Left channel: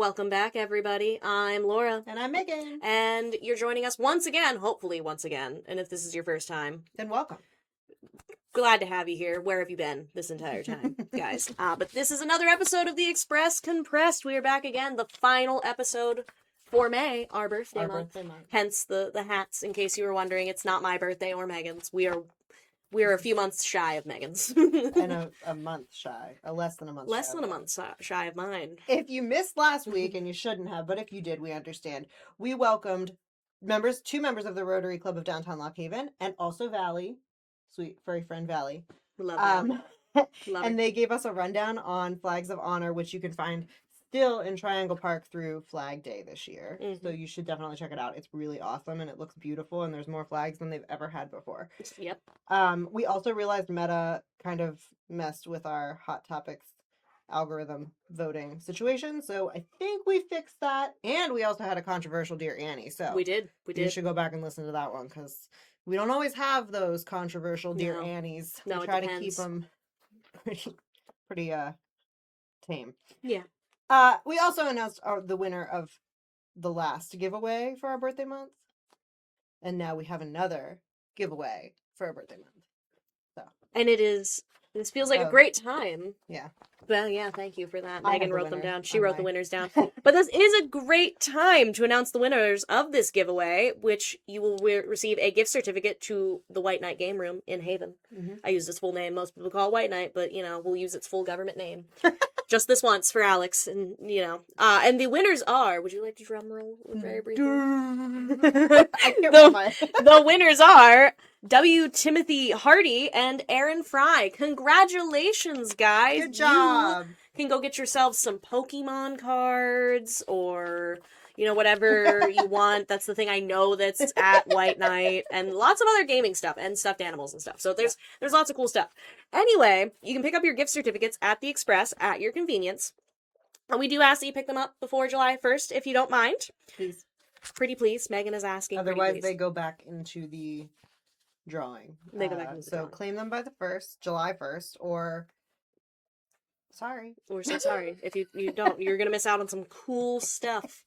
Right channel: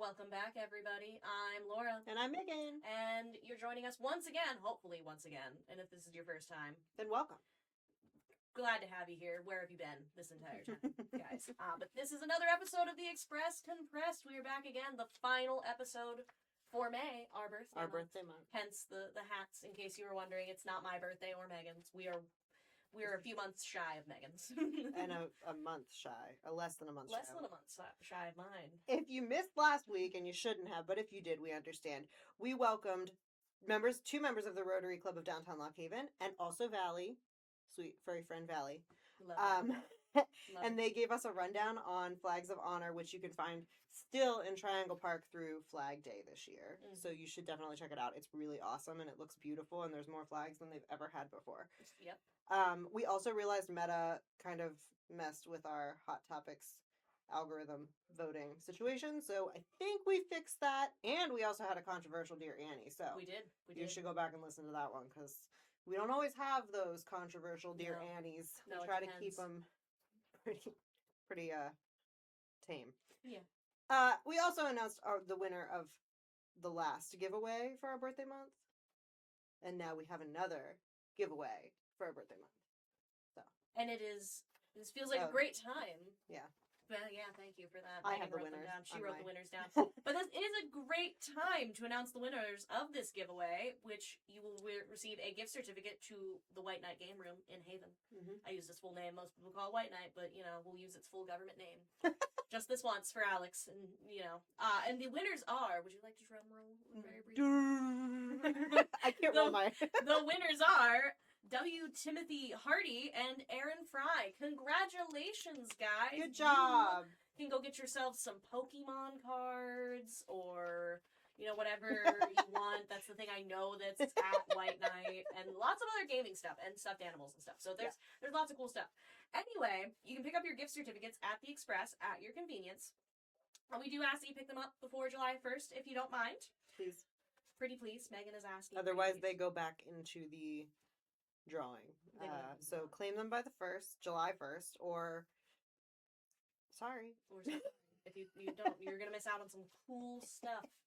Welcome back, everybody. I'm Laura. And I'm Megan. And you're joining us once again, hopefully once again. And if this is your first time, then welcome. Glad to have you here. Where have you been this entire time, guys? But this is another episode of The Express Compressed. We are back again, the final episode for May, our birthday month. Hence the hats, in case you were wondering. It's not my birthday or Megan's. We are a few months shy of Megan's. And a month shy. Less than a month Less than a month shy of mine. If you missed last week, and you shouldn't have, but if you did, we understand. We welcomed two members of the Rotary Club of Downtown Lock Haven, and also Vallie, sweet furry friend Vallie. Love Vallie. Love and her. they gave us a rundown on Flags of Honor, which you can find still in Triangle Park through Flag Day this year. Mm-hmm. So you should definitely check it out. It's really awesome and it looks beautiful and there's more flags than they've ever had before. Yep. We also realized Meta kind of messed with our Hot Topics algorithm voting situation. So I think we fixed that. And we also had a controversial Dear Annie. So we did. You should go back and listen to that one because we don't always have those controversial Dear Annies. No, we try to keep them pretty tame. Yeah. We also announced the winner of the last giveaway for our birthday month. And now we have another giveaway for our birthday month. So. And this feels like a great time. Yeah. Well, yeah, thank you for that. I Megan wrote them down. She on wrote the winners down. But this is a great time to announce the winners of this giveaway, which you will receive a gift certificate to the White Knight Game Room in Haven. Mm-hmm. I use its full name. Most people call it White Knight, but, we'll use its full government name. Just this once for Alex, and, and the winners are, would you like to drum roll very briefly? The winners are W. Timothy Hardy and Aaron Fry. Congratulations, guys. Good job. You can go get yourselves some Pokemon cards or, whatever you want. That's the thing I know that's at White Knight, and lots of other gaming stuff and stuffed animals and stuff. So there's lots of cool stuff. Anyway, you can pick up your gift certificates at the Express at your convenience. And we do ask that you pick them up before July 1st, if you don't mind. Please. Pretty please. Megan is asking. Otherwise, they go back into the drawing. They go back into the drawing. Claim them by the July 1st, or sorry. We're so sorry. If you don't, you're going to miss out on some cool stuff.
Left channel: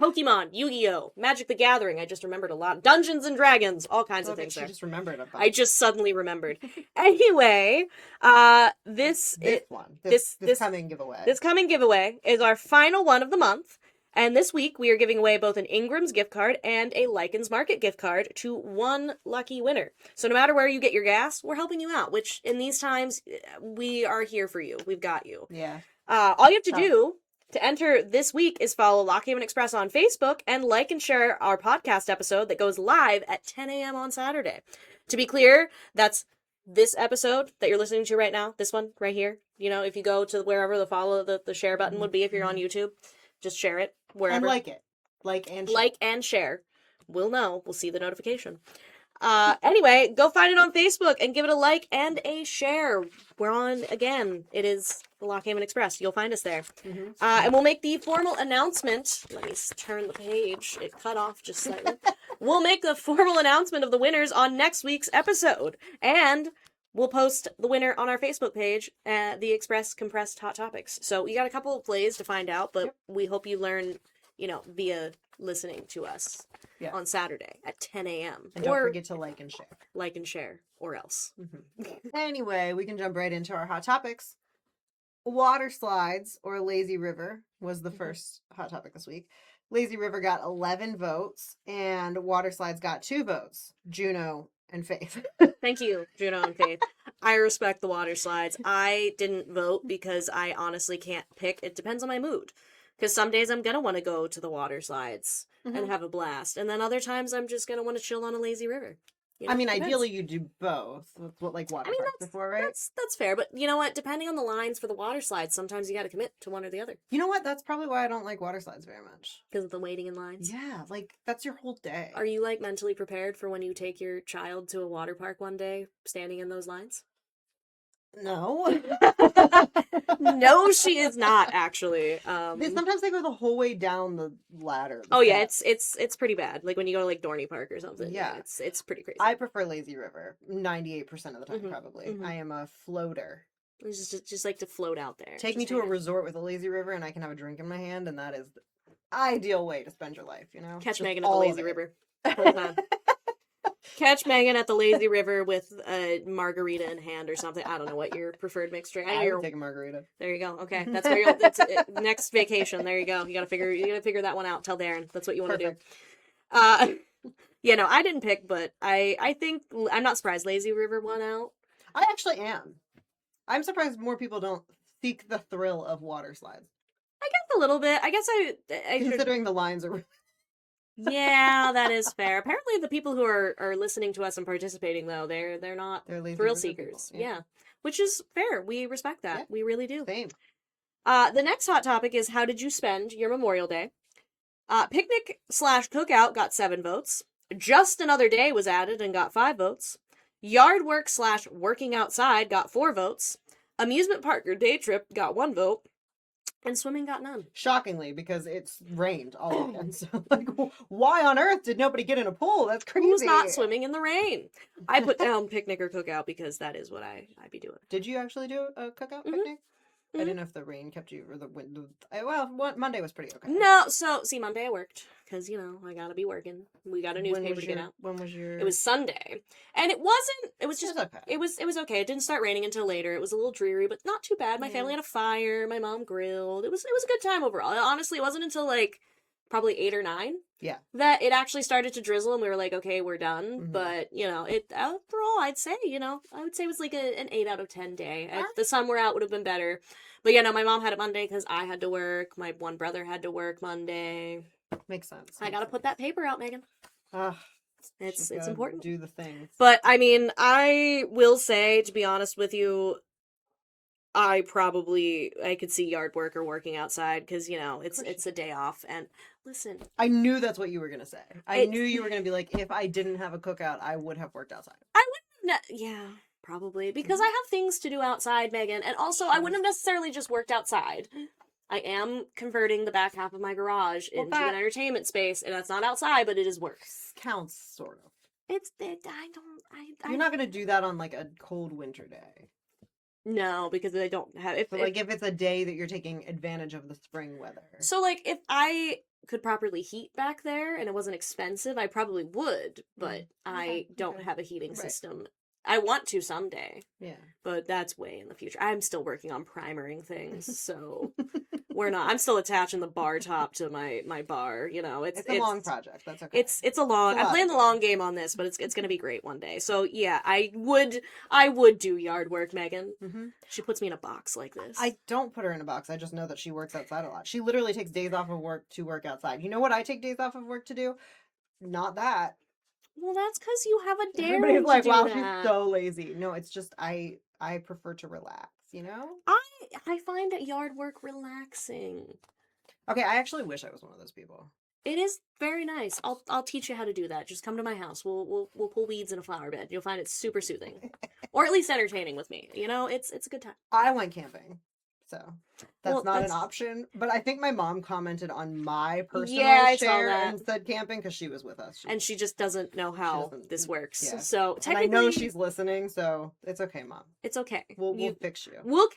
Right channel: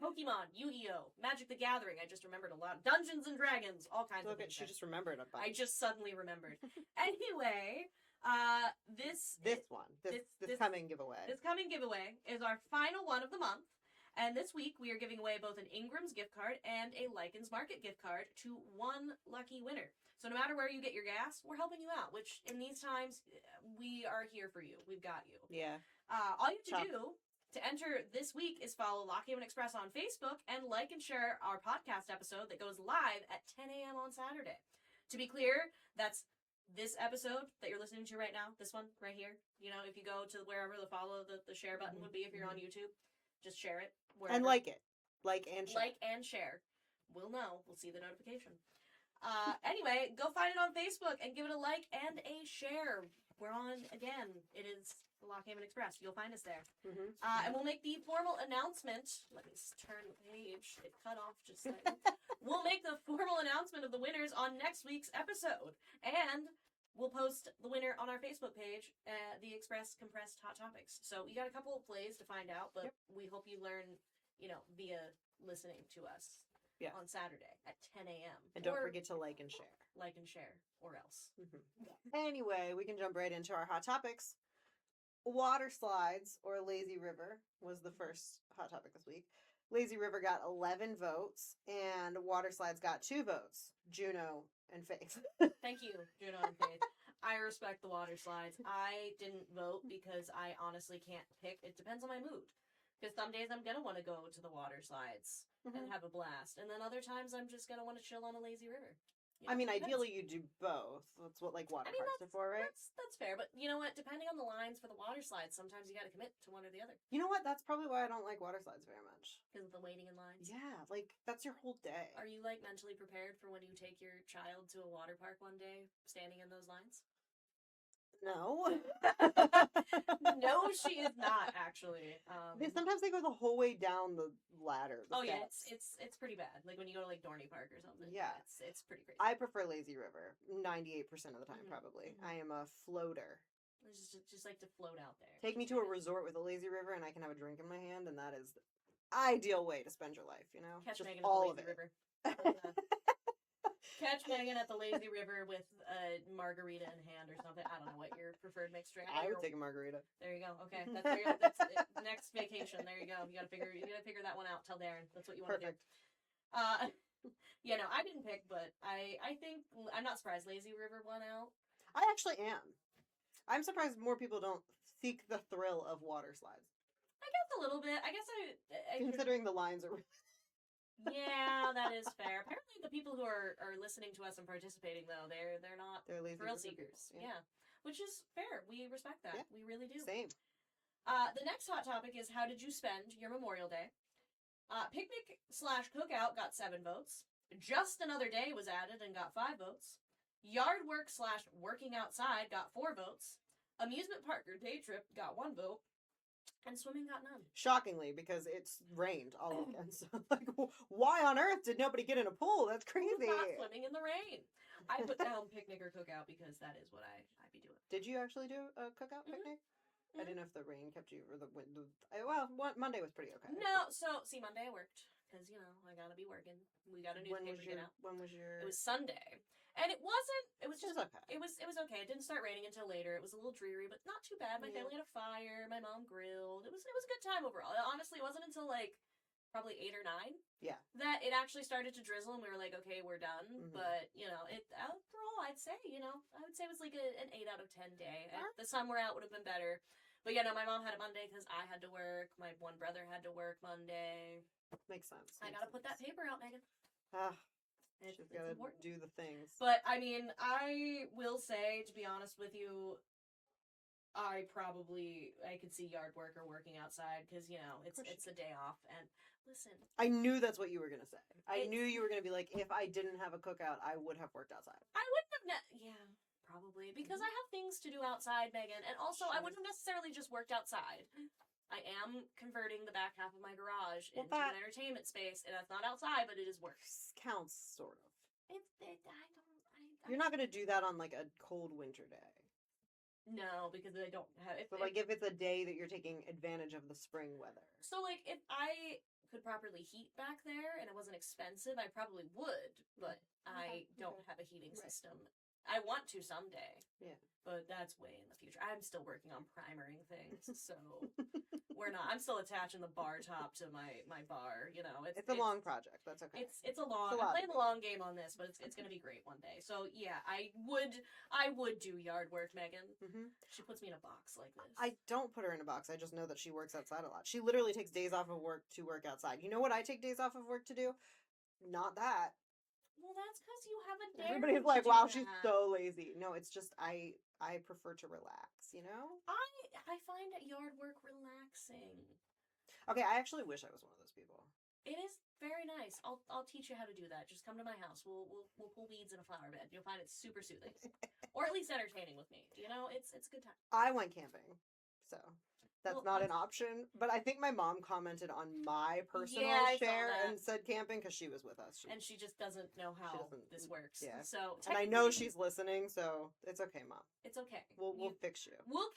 Pokemon, Yu-Gi-Oh, Magic the Gathering. I just remembered a lot. Dungeons and Dragons, all kinds of things there. Just remembered. I just suddenly remembered. Anyway, this coming giveaway. This coming giveaway is our final one of the month. And this week, we are giving away both an Ingram's gift card and a Lycan's Market gift card to one lucky winner. So no matter where you get your gas, we're helping you out, which in these times, we are here for you. We've got you. Yeah. All you have to do to enter this week is follow Lock Haven Express on Facebook and like and share our podcast episode that goes live at 10 a.m. on Saturday. To be clear, that's this episode that you're listening to right now, this one right here. If you go to wherever the share button would be if you're on YouTube, just share it wherever. And like it. Like and share. We'll know. We'll see the notification. Anyway, go find it on Facebook and give it a like and a share. We're on, again, it is the Lock Haven Express. You'll find us there. Mm-hmm. And we'll make the formal announcement. Let me turn the page. It cut off just slightly. We'll make the formal announcement of the winners on next week's episode. And we'll post the winner on our Facebook page at the Express Compressed Hot Topics. So you got a couple of plays to find out, but we hope you learn, via listening to us. Yeah. On Saturday at 10 a.m. And don't forget to like and share. Like and share, or else. Mm-hmm. Anyway, we can jump right into our hot topics. Water slides, or lazy river, was the first hot topic this week. Lazy river got 11 votes, and water slides got 2 votes. Juno and Faith. Thank you, Juno and Faith. I respect the water slides. I didn't vote because I honestly can't pick. It depends on my mood. Because some days I'm going to want to go to the water slides and have a blast. And then other times I'm just going to want to chill on a lazy river. Ideally you do both. That's what water parks are for, right? That's fair. But you know what? Depending on the lines for the water slides, sometimes you got to commit to one or the other. You know what? That's probably why I don't like water slides very much. Because of the waiting in lines? Yeah, that's your whole day. Are you, mentally prepared for when you take your child to a water park one day, standing in those lines? No. No, she is not, actually. Sometimes they go the whole way down the ladder. Yeah, it's pretty bad. Like when you go to Dorney Park or something. Yeah. It's pretty crazy. I prefer lazy river 98% of the time, probably. I am a floater It's just like to float out there. Take Just me to hang a out. resort with a lazy river and I can have a drink in my hand, and that is the ideal way to spend your life, you know? Catch Just Megan at the all of lazy it. river. Whole time. Catch Megan at the lazy river with a margarita in hand or something. I don't know what your preferred mixed drink. I know I you're. would take a margarita. There you go. Okay, that's where you'll. That's it. Next vacation. There you go. You gotta figure that one out. Tell Darren that's what you want to do. Perfect. Yeah, no, I didn't pick, but I think I'm not surprised. Lazy River won out. I actually am. I'm surprised more people don't seek the thrill of water slides. I guess a little bit. I guess I should. Considering the lines are Yeah, that is fair. Apparently, the people who are listening to us and participating though, they're not they're lazy thrill river seekers. people. Yeah, which is fair. We respect that. Yeah. We really do. Same. The next hot topic is how did you spend your Memorial Day? Picnic / cookout got 7 votes. Just Another Day was added and got 5 votes. Yard work / working outside got 4 votes. Amusement park or day trip got 1 vote. And swimming got none. Shockingly, because it's rained all weekend. So, like, why on earth did nobody get in a pool? That's crazy. Who's not swimming in the rain? I put down picnic or cookout because that is what I'd be doing. Did you actually do a cookout picnic? I didn't know if the rain kept you, or the wind. Monday was pretty okay. No, so see, Monday I worked because I gotta be working. We got a newspaper to get out. When was your? It was Sunday, and it wasn't. It was just. okay. It was okay. It didn't start raining until later. It was a little dreary, but not too bad. My family had a fire. My mom grilled. It was a good time overall. Honestly, it wasn't until like probably 8 or 9. Yeah. That it actually started to drizzle, and we were like, okay, we're done. Mm-hmm. But it overall, I'd say I would say it was like an 8 out of 10 day. If the sun were out, would have been better. But yeah, no, my mom had it Monday because I had to work. My one brother had to work Monday. Makes sense. I gotta put that paper out, Megan. It's important. Do the things. But I mean, I will say, to be honest with you, I could see yard work or working outside because it's a day off. And listen, I knew that's what you were gonna say. I knew you were gonna be like, if I didn't have a cookout, I would have worked outside. I wouldn't have. Yeah. Probably because I have things to do outside, Megan, and also I wouldn't have necessarily just worked outside. I am converting the back half of my garage into an entertainment space, and that's not outside, but it is work. Counts sort of. You're not gonna do that on like a cold winter day. No, because I don't have. If it's a day that you're taking advantage of the spring weather. So like if I could properly heat back there and it wasn't expensive, I probably would, but I don't have a heating system. I want to someday. Yeah. But that's way in the future. I'm still working on primering things, so I'm still attaching the bar top to my bar, It's a long project. That's okay. It's a long I'm playing the long game on this, but it's gonna be great one day. So yeah, I would do yard work, Megan. Mm-hmm. She puts me in a box like this. I don't put her in a box. I just know that she works outside a lot. She literally takes days off of work to work outside. You know what I take days off of work to do? Not that. Well, that's because you have a dare. Everybody's like, wow, she's so lazy. No, it's just I prefer to relax, I find yard work relaxing. Okay, I actually wish I was one of those people. It is very nice. I'll teach you how to do that. Just come to my house. We'll pull weeds in a flower bed. You'll find it super soothing. Or at least entertaining with me. It's a good time. I went camping. So that's not an option. But I think my mom commented on my personal share and said camping because she was with us. And she just doesn't know how this works. Yeah. So technically, and I know she's listening, so it's okay, Mom. It's okay. We'll fix you. We'll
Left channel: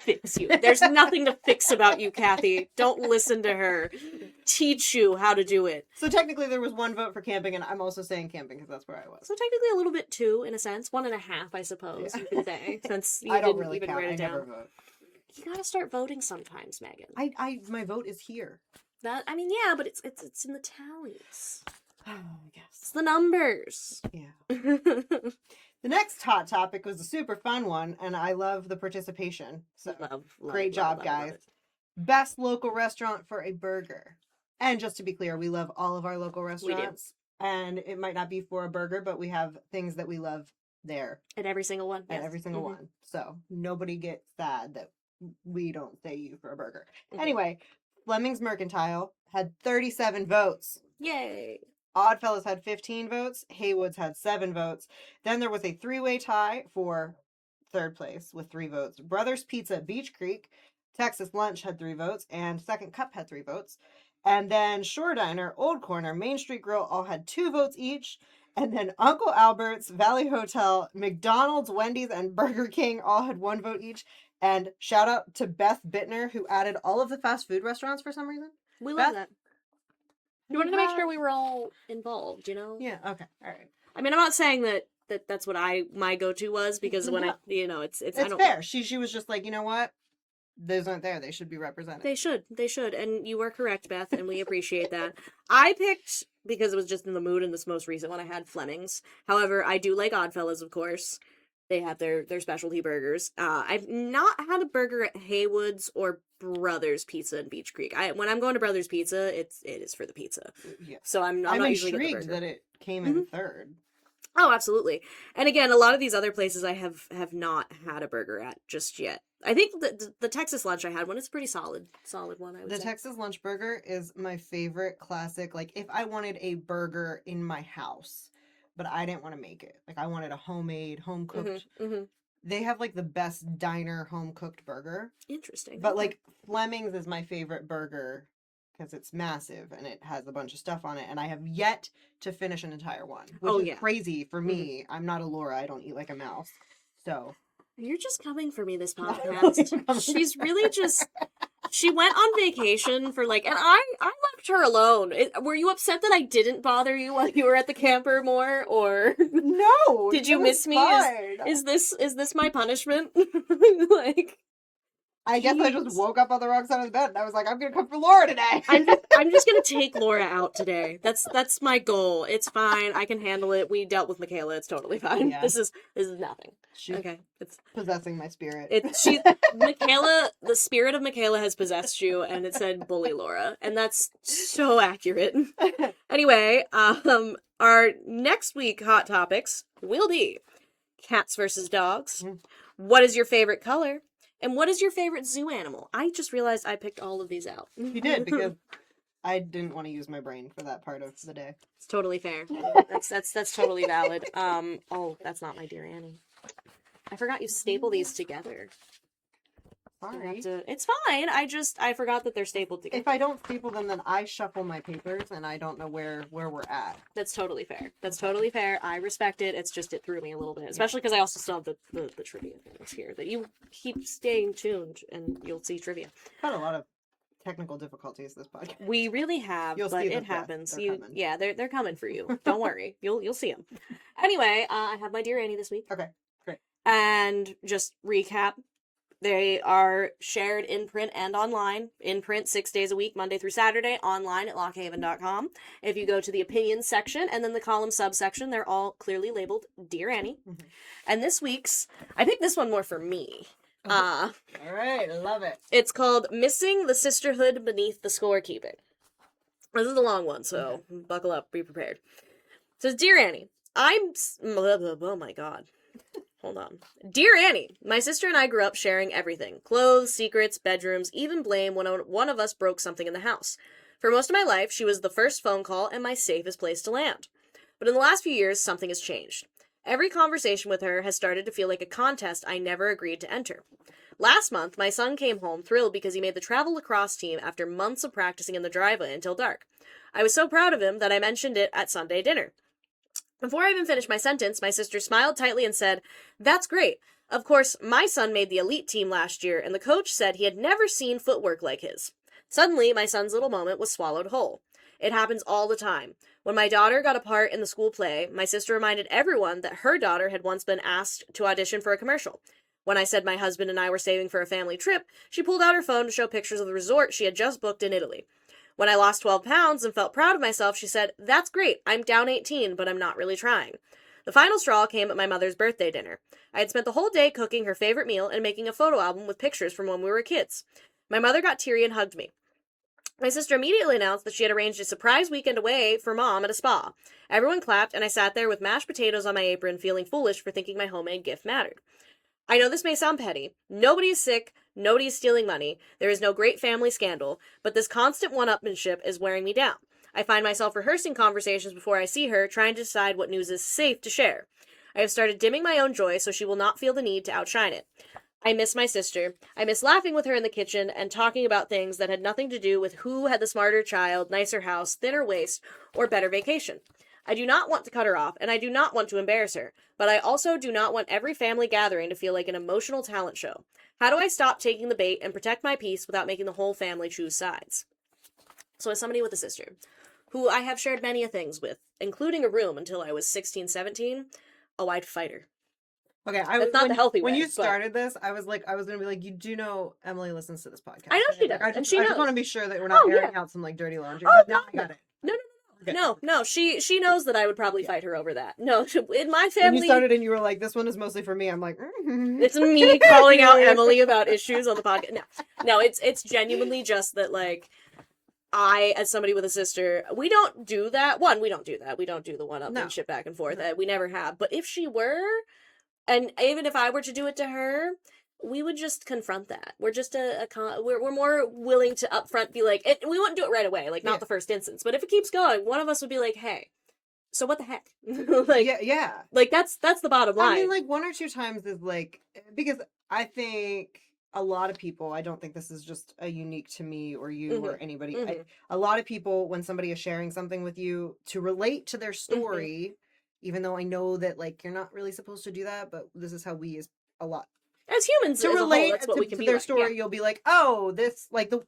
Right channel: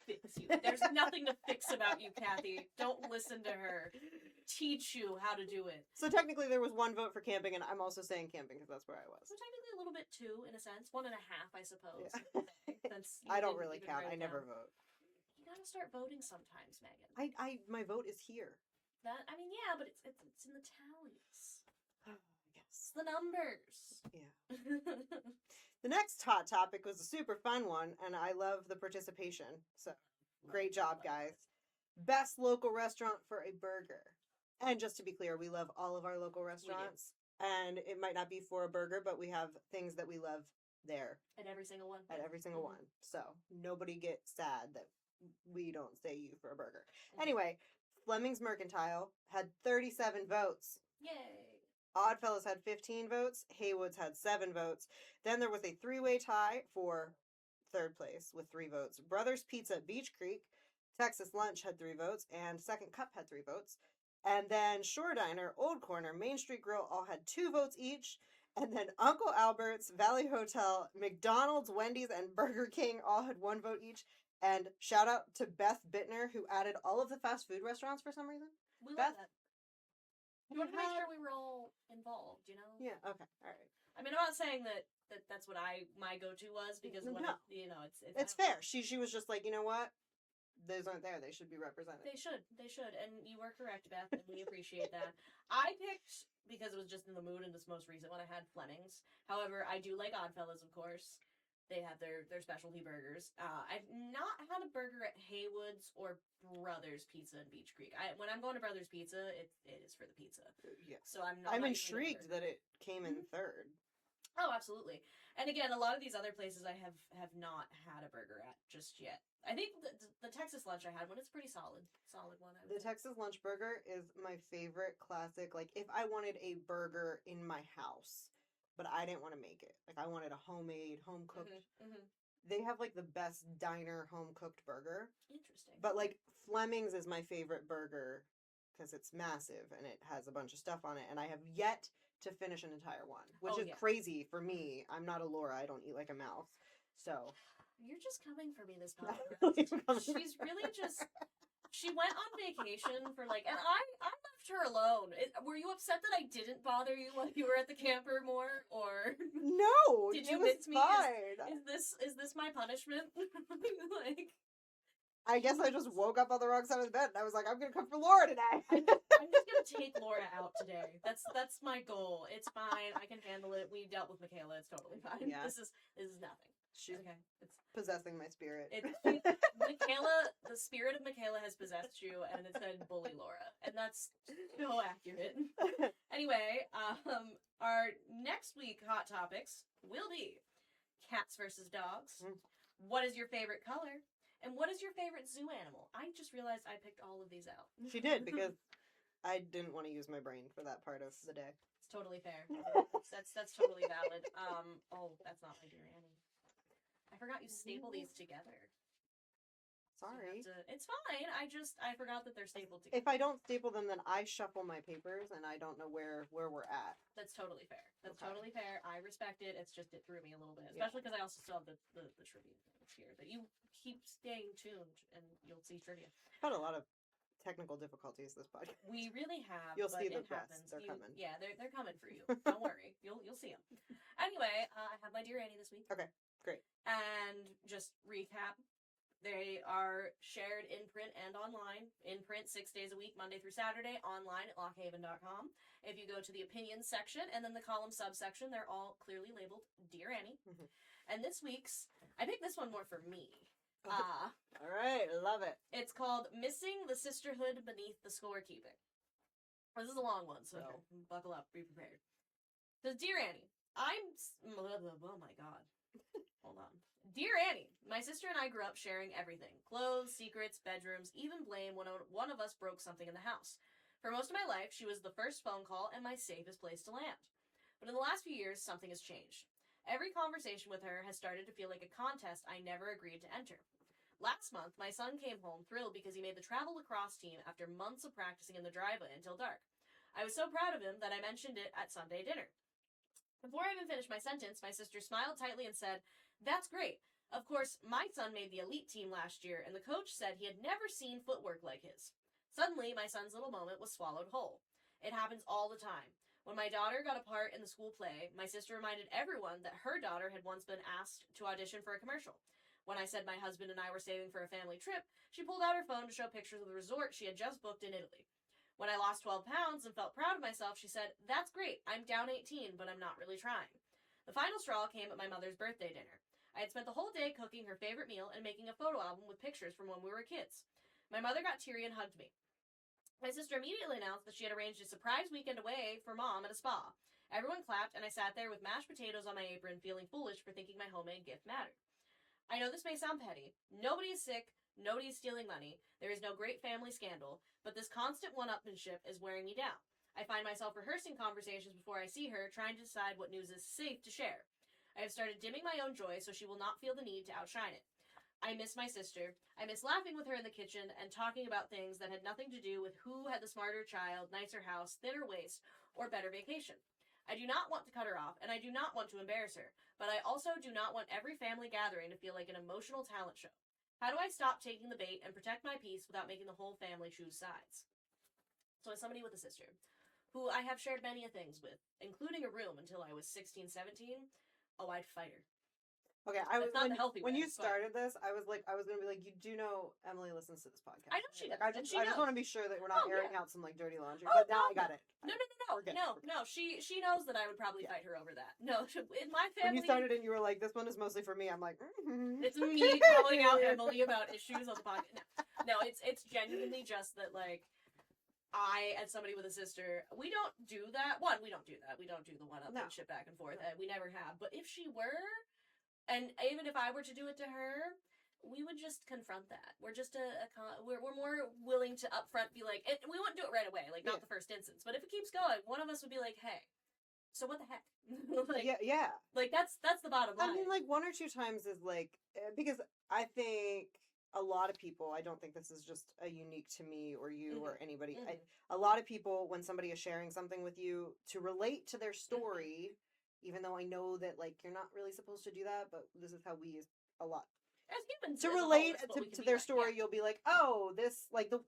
fix you. There's nothing to fix about you, Kathy. Don't listen to her. Teach you how to do it. So technically there was 1 vote for camping, and I'm also saying camping because that's where I was. So technically a little bit 2, in a sense. 1.5, I suppose, you could say. Since you I don't didn't really even count. write it I down. never vote. You gotta start voting sometimes, Megan. My vote is here. Yeah, but it's in the tallies. Oh, yes. It's the numbers. Yeah. The next hot topic was a super fun one, and I love the participation. So great job, guys. Best local restaurant for a burger. And just to be clear, we love all of our local restaurants. We do. And it might not be for a burger, but we have things that we love there. At every single one. At every single one. So nobody gets sad that we don't say you for a burger. Mm-hmm. Anyway, Fleming's Mercantile had 37 votes. Yay. Oddfellows had 15 votes. Haywood's had 7 votes. Then there was a 3-way tie for third place with 3 votes. Brothers Pizza at Beach Creek, Texas Lunch had 3 votes, and Second Cup had 3 votes. And then Shore Diner, Old Corner, Main Street Grill all had 2 votes each. And then Uncle Albert's, Valley Hotel, McDonald's, Wendy's, and Burger King all had 1 vote each. And shout out to Beth Bittner, who added all of the fast food restaurants for some reason. We love Beth, that. You wanted to make sure we were all involved, you know? Yeah, okay, all right. I mean, I'm not saying that's what my go-to was, because when No. it's It's I don't, fair. She was just like, you know what? Those aren't there. They should be represented. They should, and you were correct, Beth, and we appreciate that. I picked, because it was just in the mood, and this most recent one I had Fleming's. However, I do like Oddfellas, of course. They have their specialty burgers. I've not had a burger at Haywood's or Brothers Pizza in Beach Creek. When I'm going to Brothers Pizza, it is for the pizza. Yeah. So I'm not usually getting the intrigued burger. that it came in third. Oh, absolutely. And again, a lot of these other places I have not had a burger at just yet. I think the Texas lunch I had one is a pretty solid one, I would The say. Texas lunch burger is my favorite classic. Like, if I wanted a burger in my house, but I didn't want to make it, like I wanted a homemade, home cooked. They have like the best diner home cooked burger. Interesting. But like Fleming's is my favorite burger because it's massive and it has a bunch of stuff on it, and I have yet to finish an entire one, which is crazy for me. I'm not a Laura. I don't eat like a mouse. So you're just coming for me this podcast. She's really just. She went on vacation for and I left her alone. Were you upset that I didn't bother you while you were at the camper more, or no? Did you miss me? Is this my punishment? I guess I just woke up on the wrong side of the bed and I was like, I'm gonna come for Laura today. I'm just gonna take Laura out today. That's my goal. It's fine. I can handle it. We dealt with Michaela. It's totally fine. Yeah. This is nothing. She's okay. It's possessing my spirit. Michaela. The spirit of Michaela has possessed you, and it said bully Laura, and that's so accurate. Anyway, our next week hot topics will be cats versus dogs. What is your favorite color? And what is your favorite zoo animal? I just realized I picked all of these out. You did, because I didn't want to use my brain for that part of the day. It's totally fair. That's totally valid. Oh, that's not my dear Annie. I forgot you staple these together. Sorry. It's fine. I forgot that they're stapled together. If I don't staple them, then I shuffle my papers and I don't know where we're at. That's totally fair. That's totally fair. I respect it. It's just it threw me a little bit, especially because I also still have the trivia things here that you keep staying tuned and you'll see trivia. Had a lot of technical difficulties this podcast. We really have, but it happens. They're coming for you. Don't worry. You'll see them. Anyway, I have my dear Annie this week. Okay, great. And just recap. They are shared in print and online. In print 6 days a week, Monday through Saturday, online at lockhaven.com. If you go to the opinions section and then the column subsection, they're all clearly labeled Dear Annie. And this week's, I picked this one more for me. All right, love it. It's called Missing the Sisterhood Beneath the Scorekeeping. This is a long one, so buckle up, be prepared. It says, Dear Annie, oh my god. Hold on. Dear Annie, my sister and I grew up sharing everything. Clothes, secrets, bedrooms, even blame when one of us broke something in the house. For most of my life, she was the first phone call and my safest place to land. But in the last few years, something has changed. Every conversation with her has started to feel like a contest I never agreed to enter. Last month, my son came home thrilled because he made the travel lacrosse team after months of practicing in the driveway until dark. I was so proud of him that I mentioned it at Sunday dinner. Before I even finished my sentence, my sister smiled tightly and said, That's great. Of course, my son made the elite team last year, and the coach said he had never seen footwork like his. Suddenly, my son's little moment was swallowed whole. It happens all the time. When my daughter got a part in the school play, my sister reminded everyone that her daughter had once been asked to audition for a commercial. When I said my husband and I were saving for a family trip, she pulled out her phone to show pictures of the resort she had just booked in Italy. When I lost 12 pounds and felt proud of myself, she said, That's great, I'm down 18, but I'm not really trying. The final straw came at my mother's birthday dinner. I had spent the whole day cooking her favorite meal and making a photo album with pictures from when we were kids. My mother got teary and hugged me. My sister immediately announced that she had arranged a surprise weekend away for Mom at a spa. Everyone clapped, and I sat there with mashed potatoes on my apron, feeling foolish for thinking my homemade gift mattered. I know this may sound petty. Nobody is sick. Nobody is stealing money. There is no great family scandal. But this constant one-upmanship is wearing me down. I find myself rehearsing conversations before I see her, trying to decide what news is safe to share. I have started dimming my own joy so she will not feel the need to outshine it. I miss my sister. I miss laughing with her in the kitchen and talking about things that had nothing to do with who had the smarter child, nicer house, thinner waist, or better vacation. I do not want to cut her off, and I do not want to embarrass her, but I also do not want every family gathering to feel like an emotional talent show. How do I stop taking the bait and protect my peace without making the whole family choose sides? So as somebody with a sister, who I have shared many a things with, including a room until I was 16, 17, oh, I'd fight her. Okay, That's not the healthy when way, you but- started this, I was gonna be like, you do know Emily listens to this podcast. I know she right? does, Like, and she I just knows. want to be sure that we're not Oh, yeah. airing out some like dirty laundry. Oh, but now I no. got it. Okay. No. She knows that I would probably Yeah. fight her over that. No, in my When family, you started and you were like, this one is mostly for me, I'm like, it's me calling out Emily about issues on the podcast. No, it's genuinely just that, like, I, as somebody with a sister, we don't do that. One, we don't do that. We don't do the one up No. and shit back and forth. No. We never have. But if she were, and even if I were to do it to her, we would just confront that. We're just we're more willing to upfront be like, we wouldn't do it right away, like not Yeah. the first instance. But if it keeps going, one of us would be like, hey, so what the heck? Like, yeah. like that's the bottom line. I mean, like 1 or 2 times is like, because I think a lot of people, I don't think this is just a unique to me or you or anybody. Mhm. A lot of people, when somebody is sharing something with you, to relate to their story, even though I know that like you're not really supposed to do that, but this is how we as a lot As humans, to as a whole, relate that's what we can to be their like. story. Yeah. You'll be like, oh, this like the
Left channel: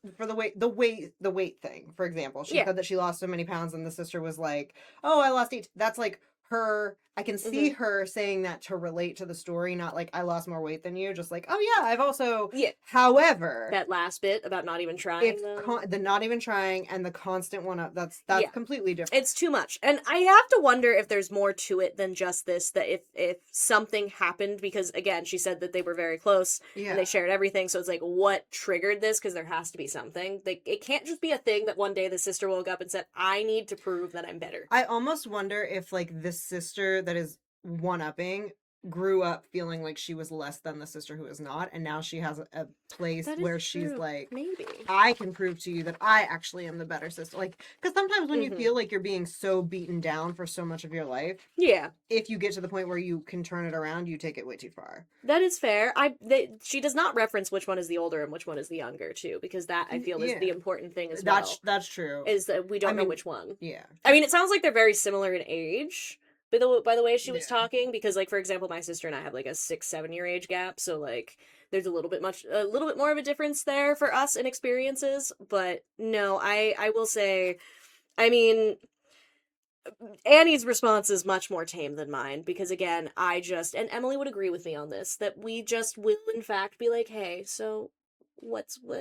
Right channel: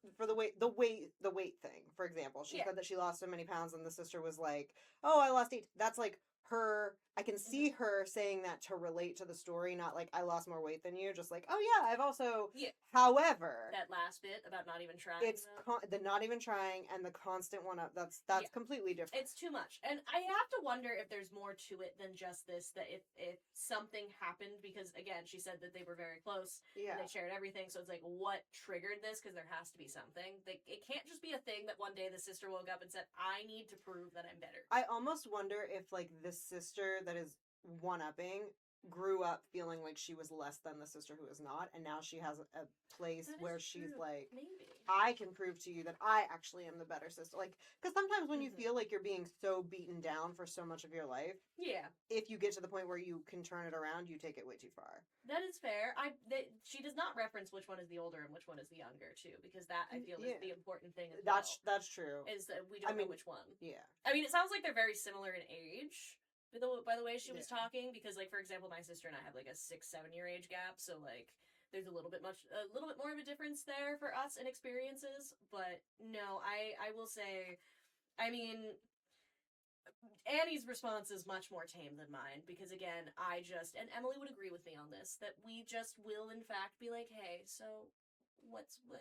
weight thing. For example, she Yeah. said that she lost so many pounds, and the sister was like, oh, I lost 8. That's like her. I can see her saying that to relate to the story, not like I lost more weight than you. Just like, oh yeah, I've also. Yeah. However, That last bit about not even trying. it's the not even trying and the constant one up. That's Yeah. completely different. It's too much. And I have to wonder if there's more to it than just this, that if something happened, because again, she said that they were very close Yeah. and they shared everything. So it's like, what triggered this? Because there has to be something. It can't just be a thing that one day the sister woke up and said, I need to prove that I'm better. I almost wonder if like this sister that is one-upping grew up feeling like she was less than the sister who is not, and now she has a place That is where she's true. like, Maybe. I can prove to you that I actually am the better sister. Like, because sometimes when you Mhm. feel like you're being so beaten down for so much of your life, Yeah, if you get to the point where you can turn it around, you take it way too far. that is fair. She does not reference which one is the older and which one is the younger too, because that I feel is the Yeah. important thing as well. That's true. Is that we don't I know mean, which one. Yeah. I mean, it sounds like they're very similar in age. By the way she was Yeah. talking, because like for example, my sister and I have like a 6-7 year age gap, so like there's a little bit more of a difference there for us in experiences. But no, I will say, I mean, Annie's response is much more tame than mine, because again, and Emily would agree with me on this, that we just will in fact be like, hey, so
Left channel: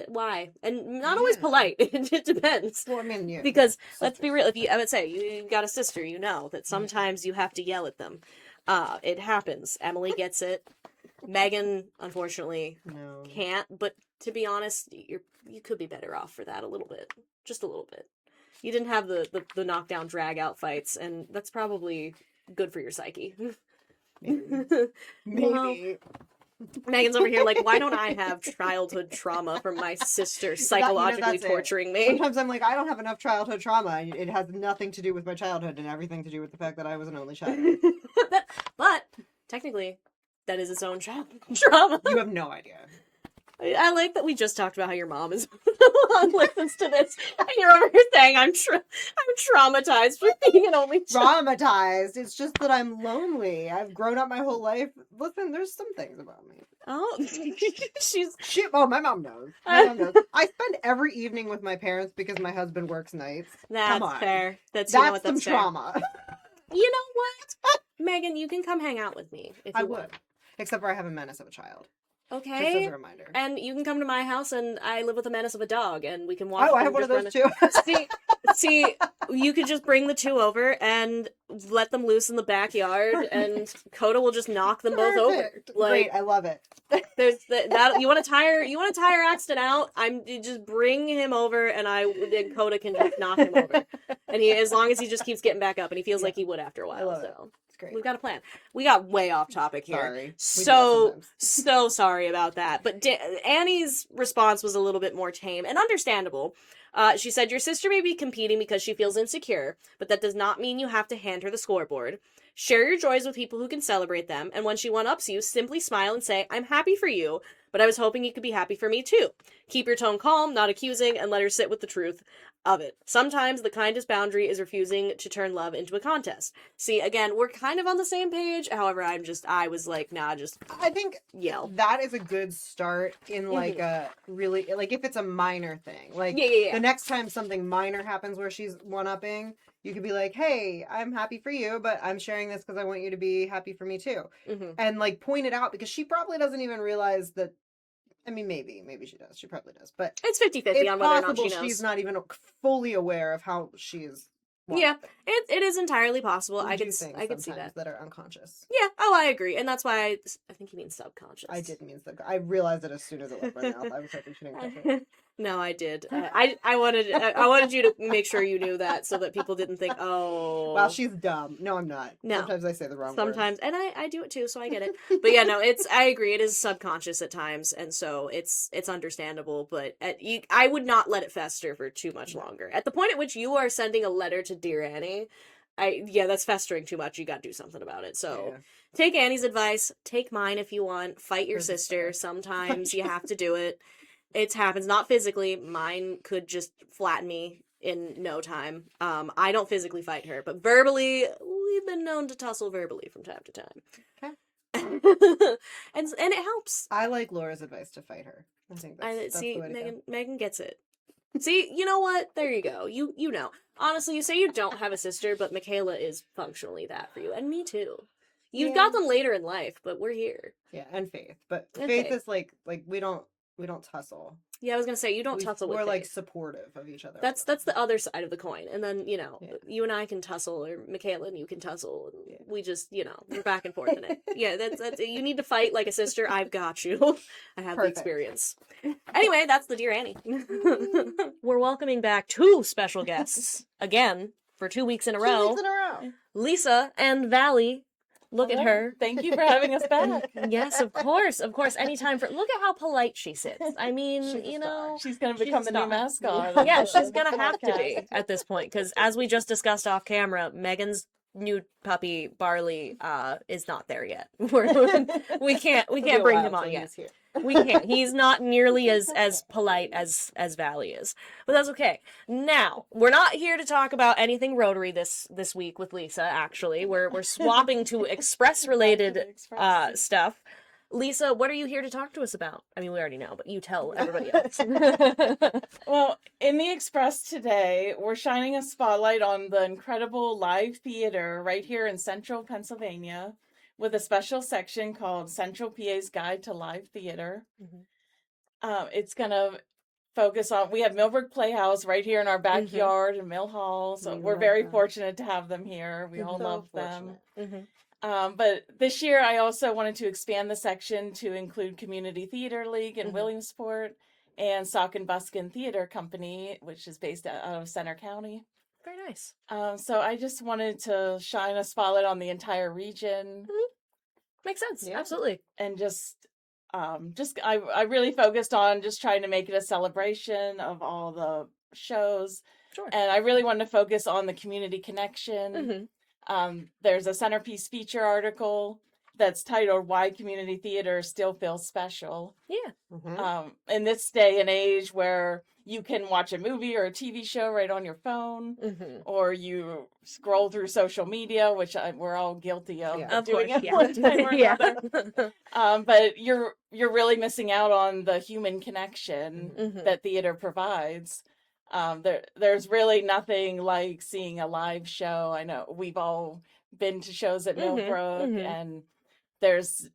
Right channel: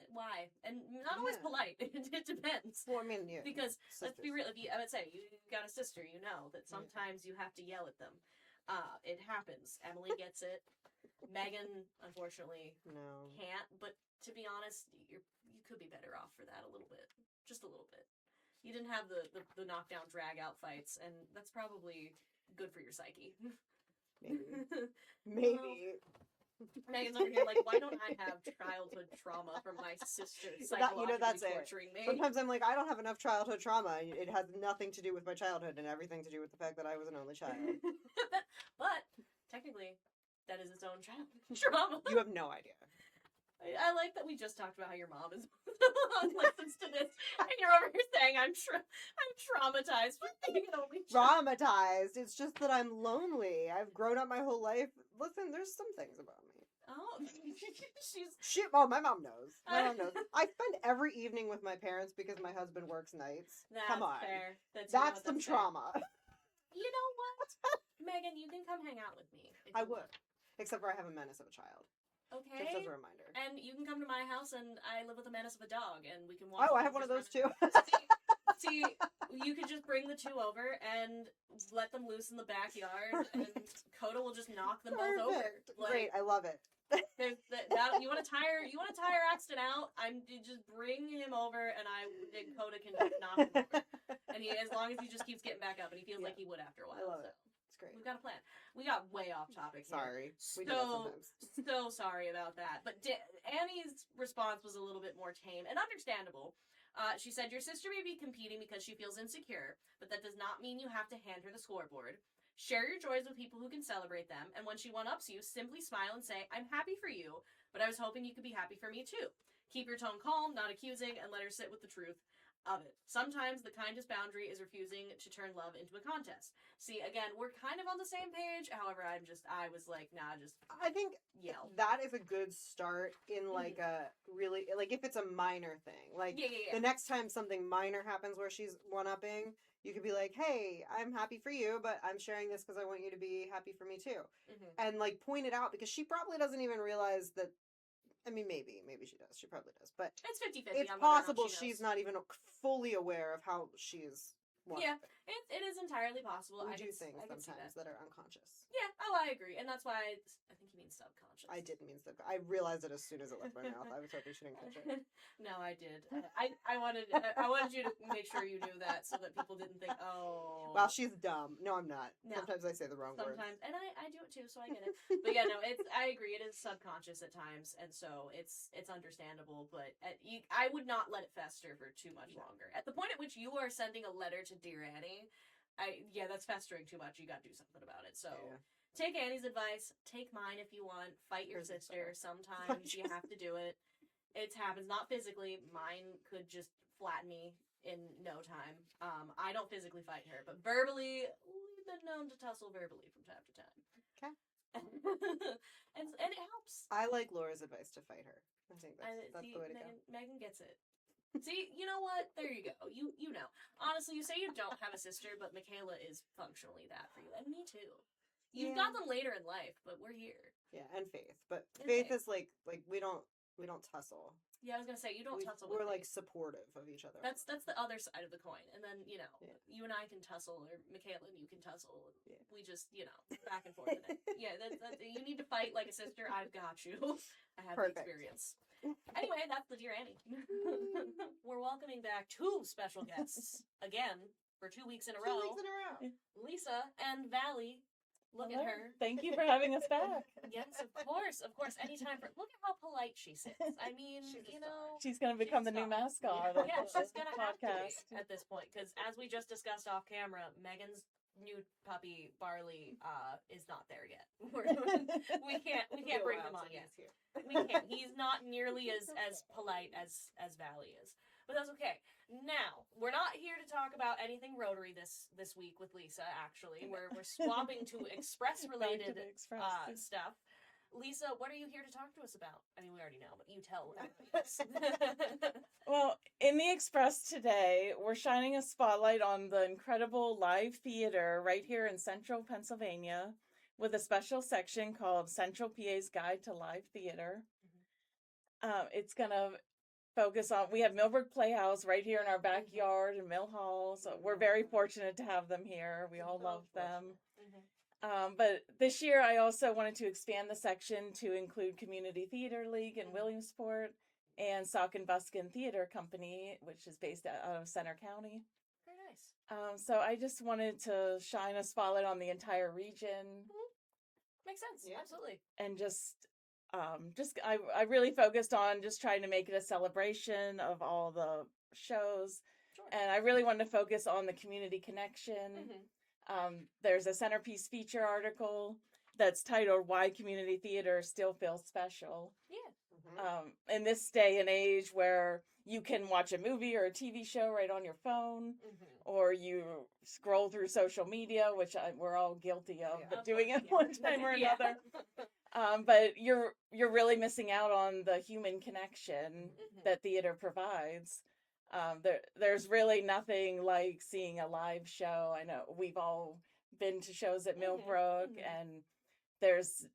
why? And not always Yeah. polite. It depends. Well, I mean, yeah. Because let's be real, I would say you got a sister, you know that sometimes you have to yell at them. It happens. Emily gets it. Megan, unfortunately, No. can't. But to be honest, you could be better off for that a little bit, just a little bit. You didn't have the knockdown drag out fights, and that's probably good for your psyche. Maybe. Well, Megan's over here like, why don't I have childhood trauma from my sister psychologically that's it. torturing me? Sometimes I'm like, I don't have enough childhood trauma. It has nothing to do with my childhood and everything to do with the fact that I was an only child. But technically, that is its own childhood trauma. You have no idea. I like that we just talked about how your mom is listens to this, and you're over here saying I'm traumatized for being an only child. Traumatized. It's just that I'm lonely. I've grown up my whole life. Listen, there's some things about me. Oh, she's Shit. Oh, my mom knows. My mom knows. I spend every evening with my parents because my husband works nights. that's Come on. fair. That's That's that's some fair. trauma. You know what, Megan, you can come hang out with me if you I want. would. Except for I have a menace of a child. Just as Okay. a reminder. And you can come to my house, and I live with a menace of a dog, and we can watch. Oh, I them have one of just those run too. See, you could just bring the two over and let them loose in the backyard, and Coda will just knock them both over. Perfect. Like, Great, I love it. there's that you want to tire Axton out. You just bring him over, and then Coda can just knock him over, and as long as he just keeps getting back up, and he feels Yeah. like he would after a while. I love so. it. It's great. We've got a plan. We got way off topic here. Sorry. We do that So sometimes. sorry about that. But Annie's response was a little bit more tame and understandable. She said, your sister may be competing because she feels insecure, but that does not mean you have to hand her the scoreboard. Share your joys with people who can celebrate them, and when she one-ups you, simply smile and say, I'm happy for you, but I was hoping you could be happy for me too. Keep your tone calm, not accusing, and let her sit with the truth. of it. Sometimes the kindest boundary is refusing to turn love into a contest. See, again, we're kind of on the same page. However, I was like, nah, just I think yell. that is a good start in like Mhm. a really, like if it's a minor thing. Like Yeah. the next time something minor happens where she's one-upping, you could be like, hey, I'm happy for you, but I'm sharing this because I want you to be happy for me too. Mm-hmm. And like point it out, because she probably doesn't even realize that. I mean, maybe she does. She probably does. But It's 50-50 it's on whether or not possible she knows. she's not even fully aware of how she is. Yeah, it is entirely possible. We I do could things I could see sometimes that. that are unconscious. Yeah. Oh, I agree, and that's why I think you mean subconscious. I did mean sub. I realized it as soon as it left my mouth. I was hoping she didn't catch it. No, I did. I wanted you to make sure you knew that so that people didn't think, oh, Wow, she's dumb. No, I'm not. No. Sometimes I say the wrong sometimes, words. and I do it too, so I get it. But yeah, no, I agree. It is subconscious at times, and so it's understandable. But I would not let it fester for too much longer. At the point at which you are sending a letter to Dear Annie, that's festering too much. You got to do something about it. So. Yeah. Take Annie's advice. Take mine if you want. Fight your That's sister. fair. Sometimes you have to do it. It happens. Not physically. Mine could just flatten me in no time. I don't physically fight her, but verbally, we've been known to tussle verbally from time to time. Okay. and it helps. I like Laura's advice to fight her. I think that's see the way to go. Megan gets it. See, you know what? There you go. You know. Honestly, you say you don't have a sister, but Michaela is functionally that for you, and me too. You've got them later in life, but we're here. Yeah, and Faith. But And Faith Faith. is like we don't tussle. Yeah, I was gonna say you don't tussle with We're like Faith. supportive of each other. That's the other side of the coin. And then, you and I can tussle, or Michaela and you can tussle, and we just, we're back and forth in it. Yeah, that's you need to fight like a sister. I've got you. I have the experience. Anyway, that's the Dear Annie. We're welcoming back 2 special guests again for 2 weeks in a row. 2 weeks in a row. Lisa and Vallie. Look at her. Thank you for having us back. Yes, of course. Anytime for. Look at how polite she sits. I mean, she's going to become the new mascot. Yeah, she's going to have to be at this point, because as we just discussed off camera, Megan's new puppy Barley is not there yet. We can't bring him on yet. We can't. He's not nearly as polite as Vallie is, but that's okay. Now we're not here to talk about anything Rotary this week with Lisa. Actually, we're swapping to Express related stuff. Lisa, what are you here to talk to us about? I mean, we already know, but you tell everybody else. Well, in the Express today, we're shining a spotlight on the incredible live theater right here in central Pennsylvania, with a special section called Central PA's Guide to Live Theater. Mm-hmm. It's going to focus on, we have Millbrook Playhouse right here in our backyard in Mill Hall, so we're very fortunate to have them here. We all love them. Mm-hmm. But this year I also wanted to expand the section to include Community Theater League in Williamsport and Sock and Buskin Theater Company, which is based out of Center County. Very nice. So I just wanted to shine a spotlight on the entire region. Makes sense. Yeah. Absolutely. And I really focused on just trying to make it a celebration of all the shows. Sure. And I really wanted to focus on the community connection. There's a centerpiece feature article that's titled "Why Community Theater Still Feels Special." Yeah. In this day and age where you can watch a movie or a TV show right on your phone, or you scroll through social media, which we're all guilty of doing at one time or another. But you're really missing out on the human connection that theater provides. There's really nothing like seeing a live show. I know we've all been to shows at Millbrook, and there's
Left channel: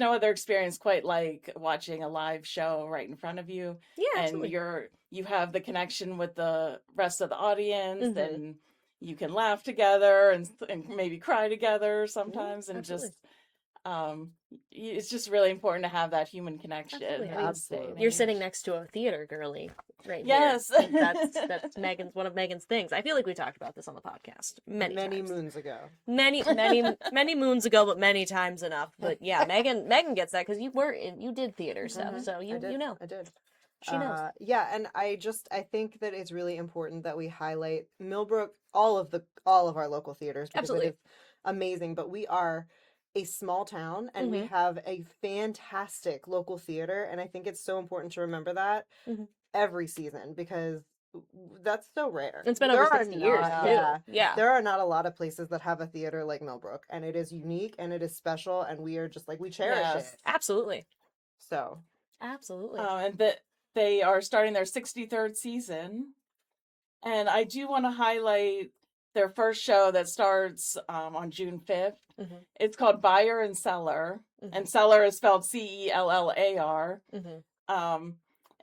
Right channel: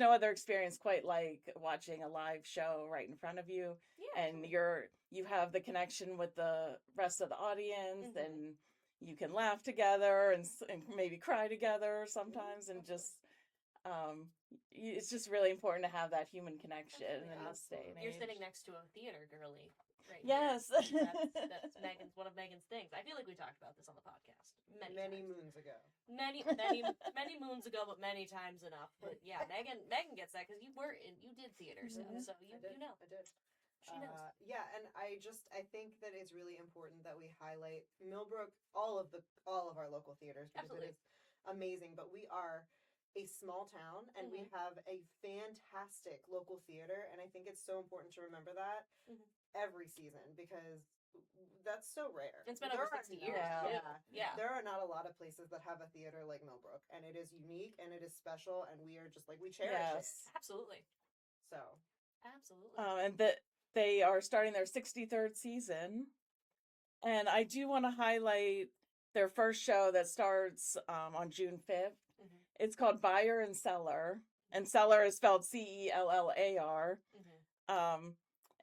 no other experience quite like watching a live show right in front of you. Yeah, absolutely. And you have the connection with the rest of the audience, and you can laugh together and maybe cry together sometimes, and absolutely. It's just really important to have that human connection. Absolutely. You're sitting next to a theater girly, right? Yes. Here. That's one of Megan's things. I feel like we talked about this on the podcast many moons ago. Many moons ago, but many times enough. But yeah, Megan gets that because you did theater stuff, so you know. I did. She knows. Yeah, and I think that it's really important that we highlight Millbrook, all of our local theaters, because absolutely. It is amazing. But we are a small town, and we have a fantastic local theater, and I think it's so important to remember that every season, because That's so rare. It's been There over are 60 years, not- too. Yeah. Yeah. There are not a lot of places that have a theater like Millbrook, and it is unique and it is special, and we are just like, we cherish it. Yes. Absolutely. So, Absolutely. And that they are starting their 63rd season. And I do want to highlight their first show that starts on June 5th. Mhm. It's called Buyer and Seller, and Seller is spelled Cellar.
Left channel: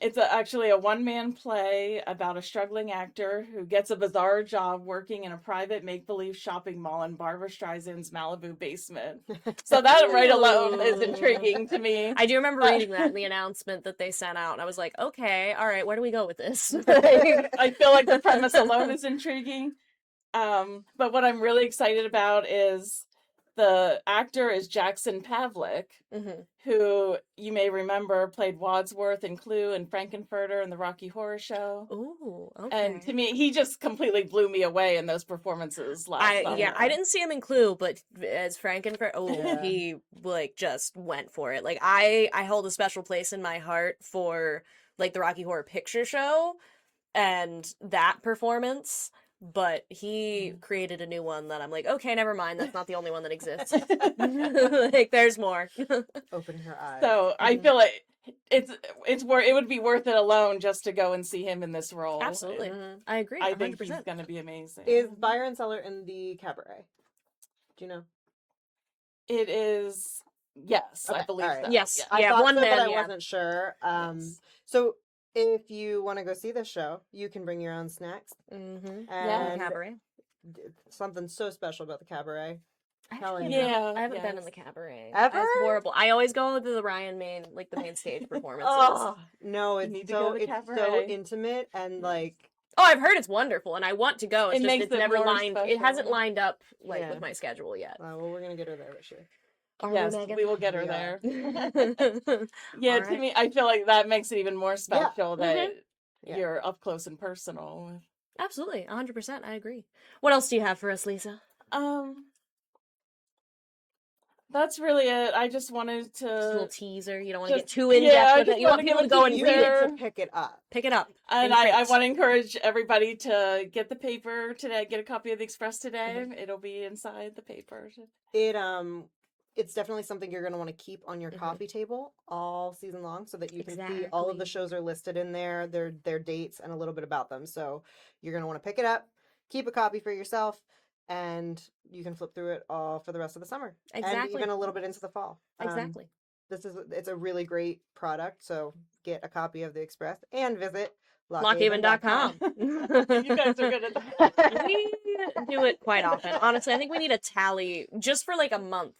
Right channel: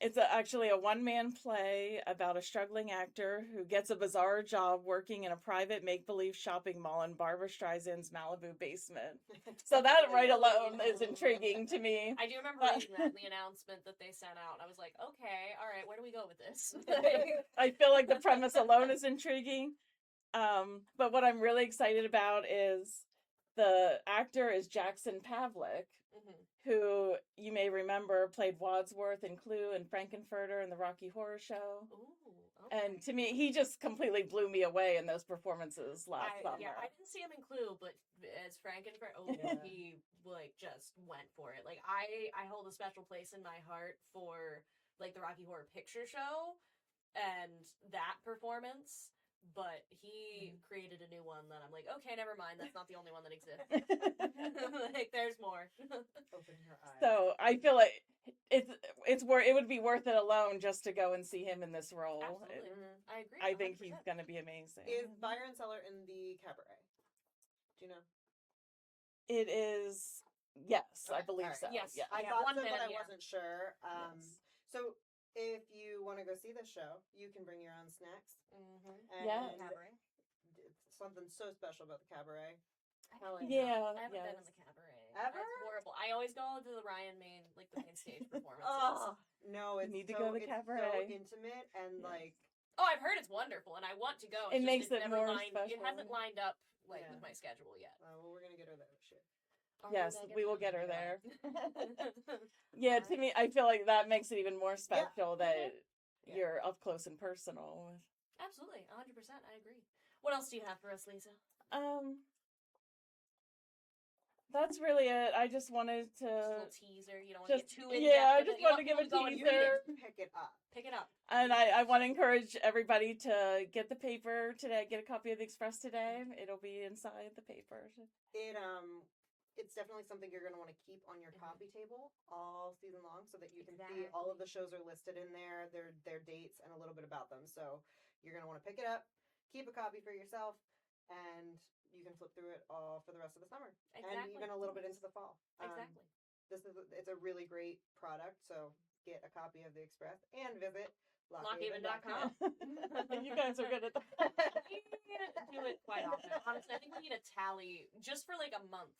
It's actually a one-man play about a struggling actor who gets a bizarre job working in a private make-believe shopping mall in Barbara Streisand's Malibu basement. So that right alone is intriguing to me. I do remember reading that in the announcement that they sent out, and I was like, okay, all right, where do we go with this? I feel like the premise alone is intriguing. But what I'm really excited about is the actor is Jackson Pavlik, who you may remember played Wadsworth in Clue and Frankenfurter in the Rocky Horror Show. Ooh, okay. And to me, he just completely blew me away in those performances last summer. I didn't see him in Clue, but as Frankenfurter, he like just went for it. Like I hold a special place in my heart for like the Rocky Horror Picture Show and that performance. But he created a new one that I'm like, okay, never mind. That's not the only one that exists. Like, there's more. open your eyes. So I feel like it would be worth it alone just to go and see him in this role. Absolutely, I agree. 100%. I think he's going to be amazing. Is Buyer and Seller in the cabaret? Do you know? It is. Yes, Okay, I believe all right. so. Yes. Yeah. I Yeah, thought one so, man, but I yeah. wasn't sure. Yes. So if you want to go see this show, you can bring your own snacks. Yeah, cabaret. Something so special about the cabaret. Actually, Yeah, I haven't been in yes. the cabaret. Ever? It's horrible. I always go to the Ryan main, like the main stage performances. Oh, No, You it's need to go to the so cabaret. intimate and like Oh, I've heard it's wonderful, and I want to go. It's It just makes it's it never more lined. It hasn't special. lined up like Yeah. with my schedule yet. well, we're gonna get her there this year. Are yes, Megan? we will get her We there. are. Yeah, All to right. me, I feel like that makes it even more special that Yeah. you're up close and personal. Absolutely, 100%. I agree. What else do you have for us, Lisa? That's really it. I just wanted to Just a little teaser. You don't want to get just- too in yeah, depth I with just it. You want wanna people to give go a and You read need it. teaser. to pick it up. Pick it up. And in I print. want to encourage everybody to get the paper today, get a copy of the Express today. It'll be inside the paper. It's definitely something you're going to want to keep on your coffee table all season long so that you can see all of the Exactly. shows are listed in there, their dates and a little bit about them. So you're going to want to pick it up, keep a copy for yourself, and you can flip through it all for the rest of the summer. And Exactly. even a little bit into the fall. Exactly. It's a really great product, so get a copy of the Express and visit Lockhaven.com. You guys are good at that. We do it quite often. Honestly, I think we need a tally just for like a month.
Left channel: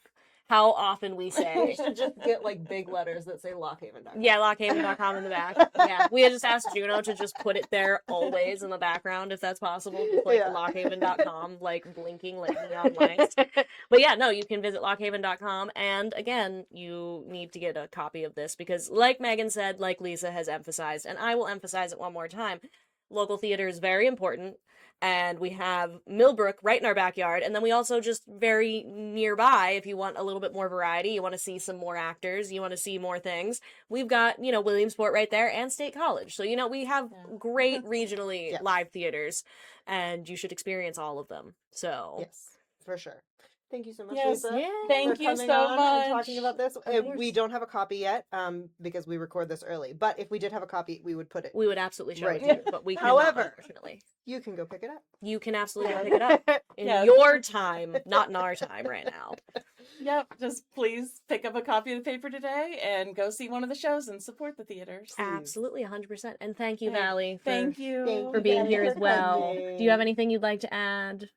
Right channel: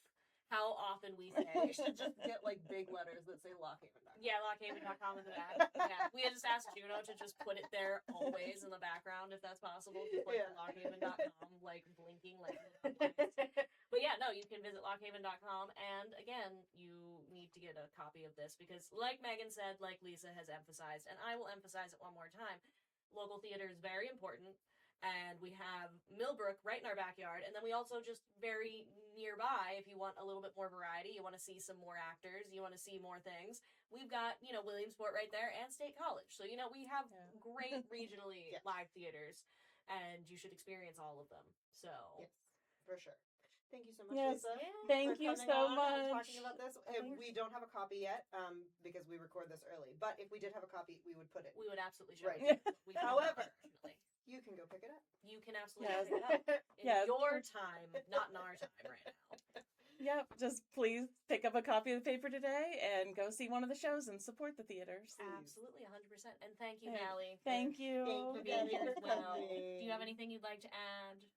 How often we You say, should just get like big letters that say Lockhaven.com. yeah, Lockhaven.com in the back. Yeah, we had just asked Juno to just put it there always in the background if that's possible. Just like Yeah. Lockhaven.com, like blinking like neon lights. But yeah, no, you can visit Lockhaven.com. And again, you need to get a copy of this because, like Megan said, like Lisa has emphasized, and I will emphasize it one more time, local theater is very important. And we have Millbrook right in our backyard. And then we also just very nearby, if you want a little bit more variety, you want to see some more actors, you want to see more things. We've got, Williamsport right there and State College. So, we have great regionally live theaters and you should experience all of them. So, Yes, for sure. Thank you so much, Yes, Lisa. yeah. Thank for you coming so on much. and talking about this. course. We don't have a copy yet, because we record this early. But if we did have a copy, we would put it. We would absolutely show Right. it to you, but we cannot, However- unfortunately. You can go pick it up. You can absolutely pick it up in Yes. your time, not in our time right now. Yep, just please pick up a copy of the paper today and go see one of the shows and support the theaters. Absolutely, 100%. And thank you, Hey, Vallie, for, Thank you. Thank for you being guys here as for well. coming. Do you have anything you'd like to add?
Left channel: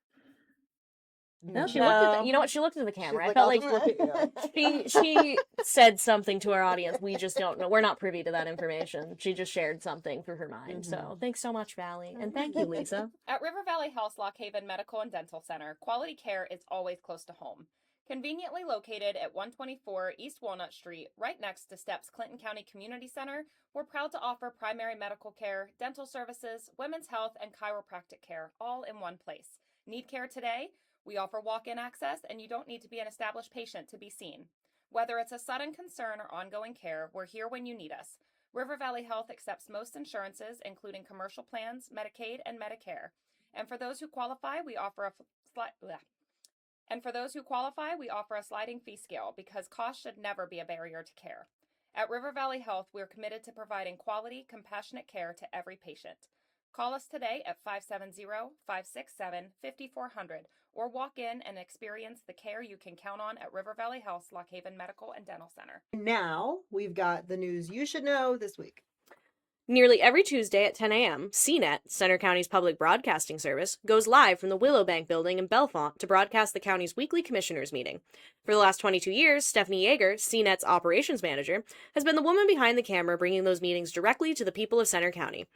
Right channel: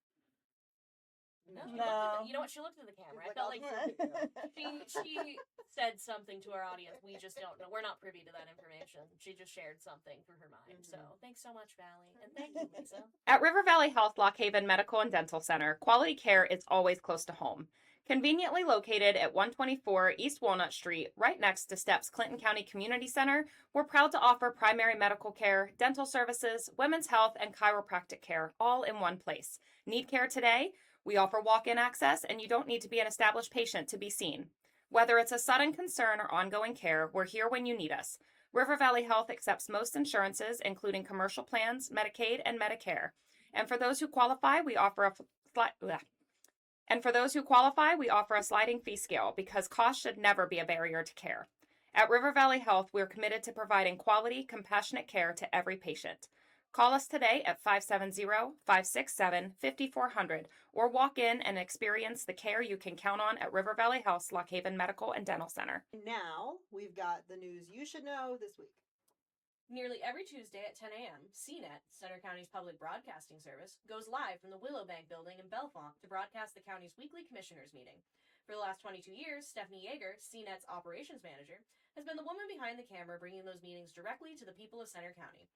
No, she No. looked at you know what? She looked at the camera. I like, felt "I'll like just look at you." she said something to our audience. We just don't know. We're not privy to that information. She just shared something through her mind. So thanks so much, Vallie. And thank you, Lisa. At River Valley Health Lockhaven Medical and Dental Center, quality care is always close to home. Conveniently located at 124 East Walnut Street, right next to Steps Clinton County Community Center, we're proud to offer primary medical care, dental services, women's health, and chiropractic care, all in one place. Need care today? We offer walk-in access, and you don't need to be an established patient to be seen. Whether it's a sudden concern or ongoing care, we're here when you need us. River Valley Health accepts most insurances, including commercial plans, Medicaid, and Medicare. And for those who qualify, we offer a sliding fee scale because cost should never be a barrier to care. At River Valley Health, we're committed to providing quality, compassionate care to every patient. Call us today at 570-567-5400 or walk in and experience the care you can count on at River Valley Health's Lock Haven Medical and Dental Center. Now we've got the news you should know this week. Nearly every Tuesday at 10 a.m., CNET, Center County's public broadcasting service, goes live from the Willowbank building in Bellefonte to broadcast the county's weekly commissioners meeting. For the last 22 years, Stephanie Yeager, CNET's operations manager, has been the woman behind the camera bringing those meetings directly to the people of Center County.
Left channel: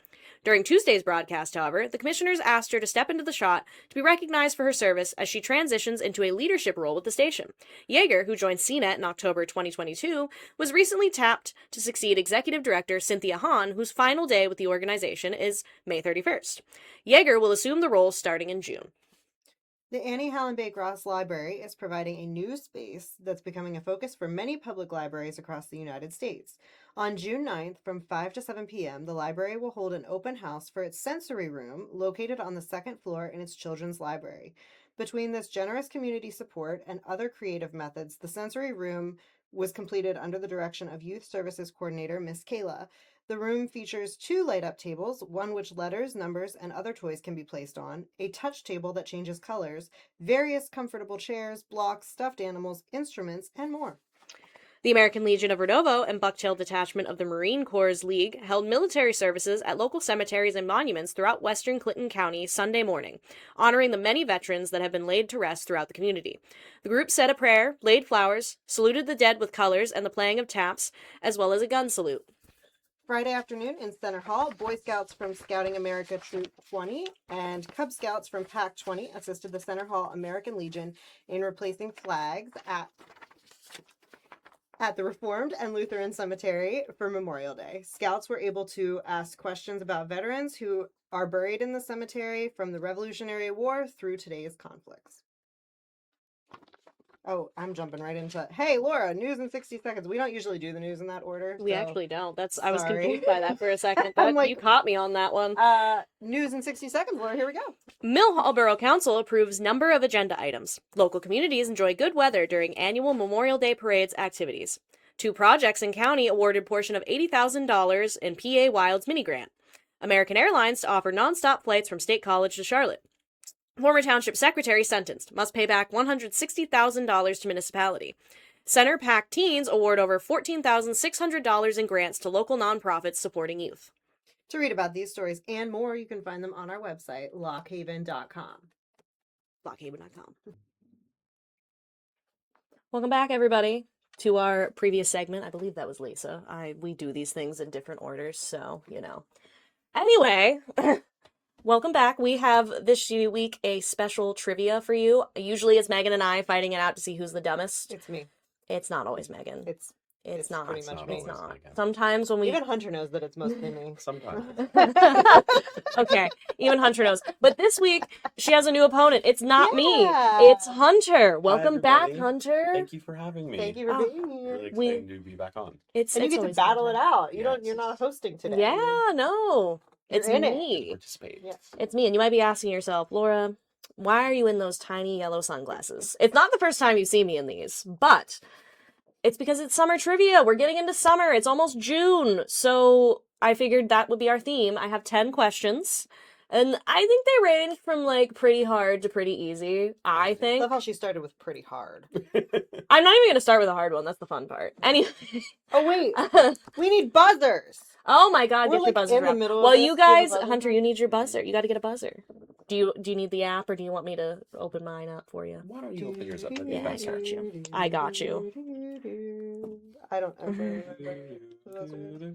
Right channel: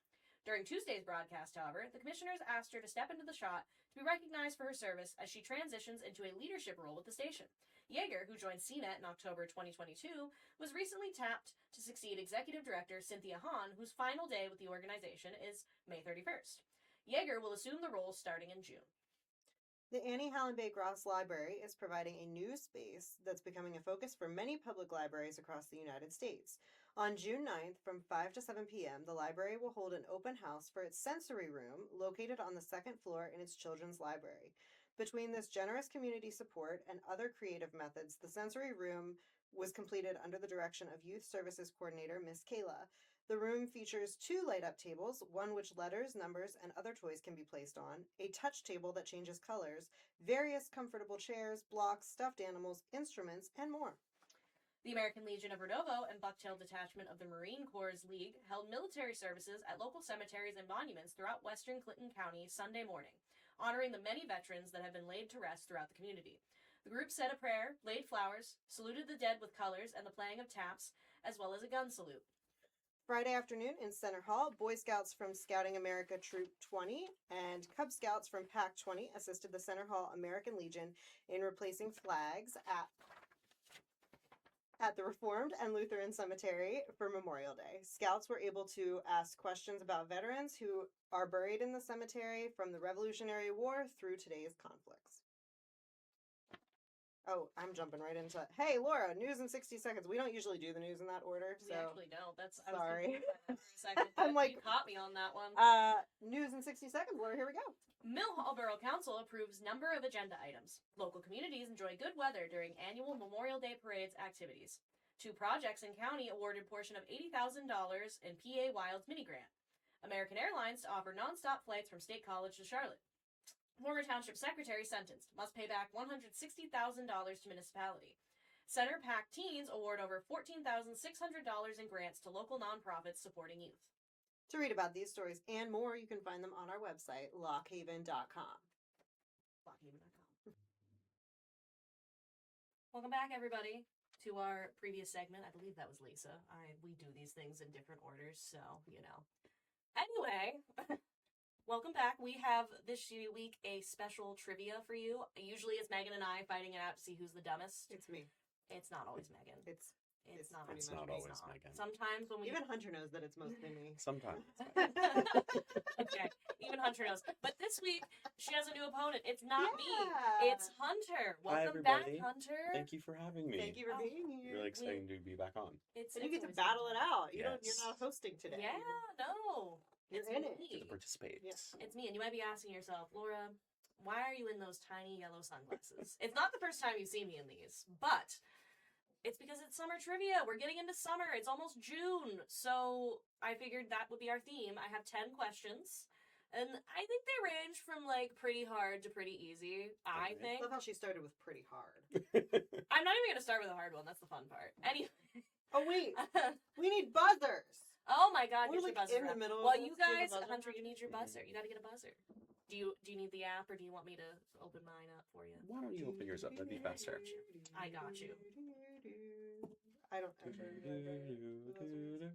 During Tuesday's broadcast, however, the commissioners asked her to step into the shot to be recognized for her service as she transitions into a leadership role with the station. Yeager, who joined CNET in October 2022, was recently tapped to succeed Executive Director Cynthia Hahn, whose final day with the organization is May 31st. Yeager will assume the role starting in June. The Annie Hallenbeck Ross Library is providing a new space that's becoming a focus for many public libraries across the United States. On June 9th, from 5 to 7 p.m., the library will hold an open house for its sensory room located on the second floor in its children's library. Between this generous community support and other creative methods, the sensory room was completed under the direction of Youth Services Coordinator Miss Kayla. The room features 2 light-up tables, one which letters, numbers, and other toys can be placed on, a touch table that changes colors, various comfortable chairs, blocks, stuffed animals, instruments, and more. The American Legion of Rodovo and Bucktail Detachment of the Marine Corps League held military services at local cemeteries and monuments throughout western Clinton County Sunday morning, honoring the many veterans that have been laid to rest throughout the community. The group said a prayer, laid flowers, saluted the dead with colors and the playing of taps, as well as a gun salute. Friday afternoon in Center Hall, Boy Scouts from Scouting America Troop 20 and Cub Scouts from Pack 20 assisted the Center Hall American Legion in replacing flags at the Reformed and Lutheran Cemetery for Memorial Day. Scouts were able to ask questions about veterans who are buried in the cemetery from the Revolutionary War through today's conflicts. Oh, I'm jumping right into it. Hey, Laura, news in 60 seconds. We don't usually do the news in that order. We so- actually don't. I was Sorry. confused by that for a second, I'm but like- you caught me on that one. News in 60 seconds, Laura. Here we go. Mill Hall Borough Council approves number of agenda items. Local communities enjoy good weather during annual Memorial Day parades activities. 2 projects in county awarded portion of $80,000 in PA Wilds mini grant. American Airlines to offer nonstop flights from State College to Charlotte. Former township secretary sentenced, must pay back $160,000 to municipality. Center Pack Teens award over $14,600 in grants to local nonprofits supporting youth. To read about these stories and more, you can find them on our website, lockhaven.com. Lockhaven.com. Welcome back, everybody, to our previous segment. I believe that was Lisa. We do these things in different orders, so, you know. Anyway, welcome back. We have this week a special trivia for you. Usually it's Megan and I fighting it out to see who's the dumbest. It's me. It's not always Megan. It's not. pretty much me. It's not. Megan. Sometimes when we Even Hunter knows that it's mostly me. Sometimes. Okay, even Hunter knows. But this week she has a new opponent. It's not me. Yeah. It's Hunter. Welcome back, everybody. Hunter. Thank you for having me. Thank you for Oh. being here. Really We- exciting to be back on. It's And you get to always battle Hunter. it out. You're Yes. not hosting today. Yeah, no. You're It's in it. me. Participate. Yeah. It's me. And you might be asking yourself, Laura, why are you in those tiny yellow sunglasses? It's not the first time you've seen me in these, but it's because it's summer trivia. We're getting into summer. It's almost June. So I figured that would be our theme. I have 10 questions. And I think they range from like pretty hard to pretty easy. I I think. love how she started with pretty hard. I'm not even going to start with a hard one. That's the fun part. Anyway. Oh, wait. We need buzzers. Oh my God, We're, get your like, buzzer in the out. middle of Well, this. you Do you have a guys, buzzer? Hunter, you need your buzzer. You got to get a buzzer. Do you need the app or do you want me to open mine up for you? Why don't you open yours up? Yeah, I got you. I got you. I don't ever remember.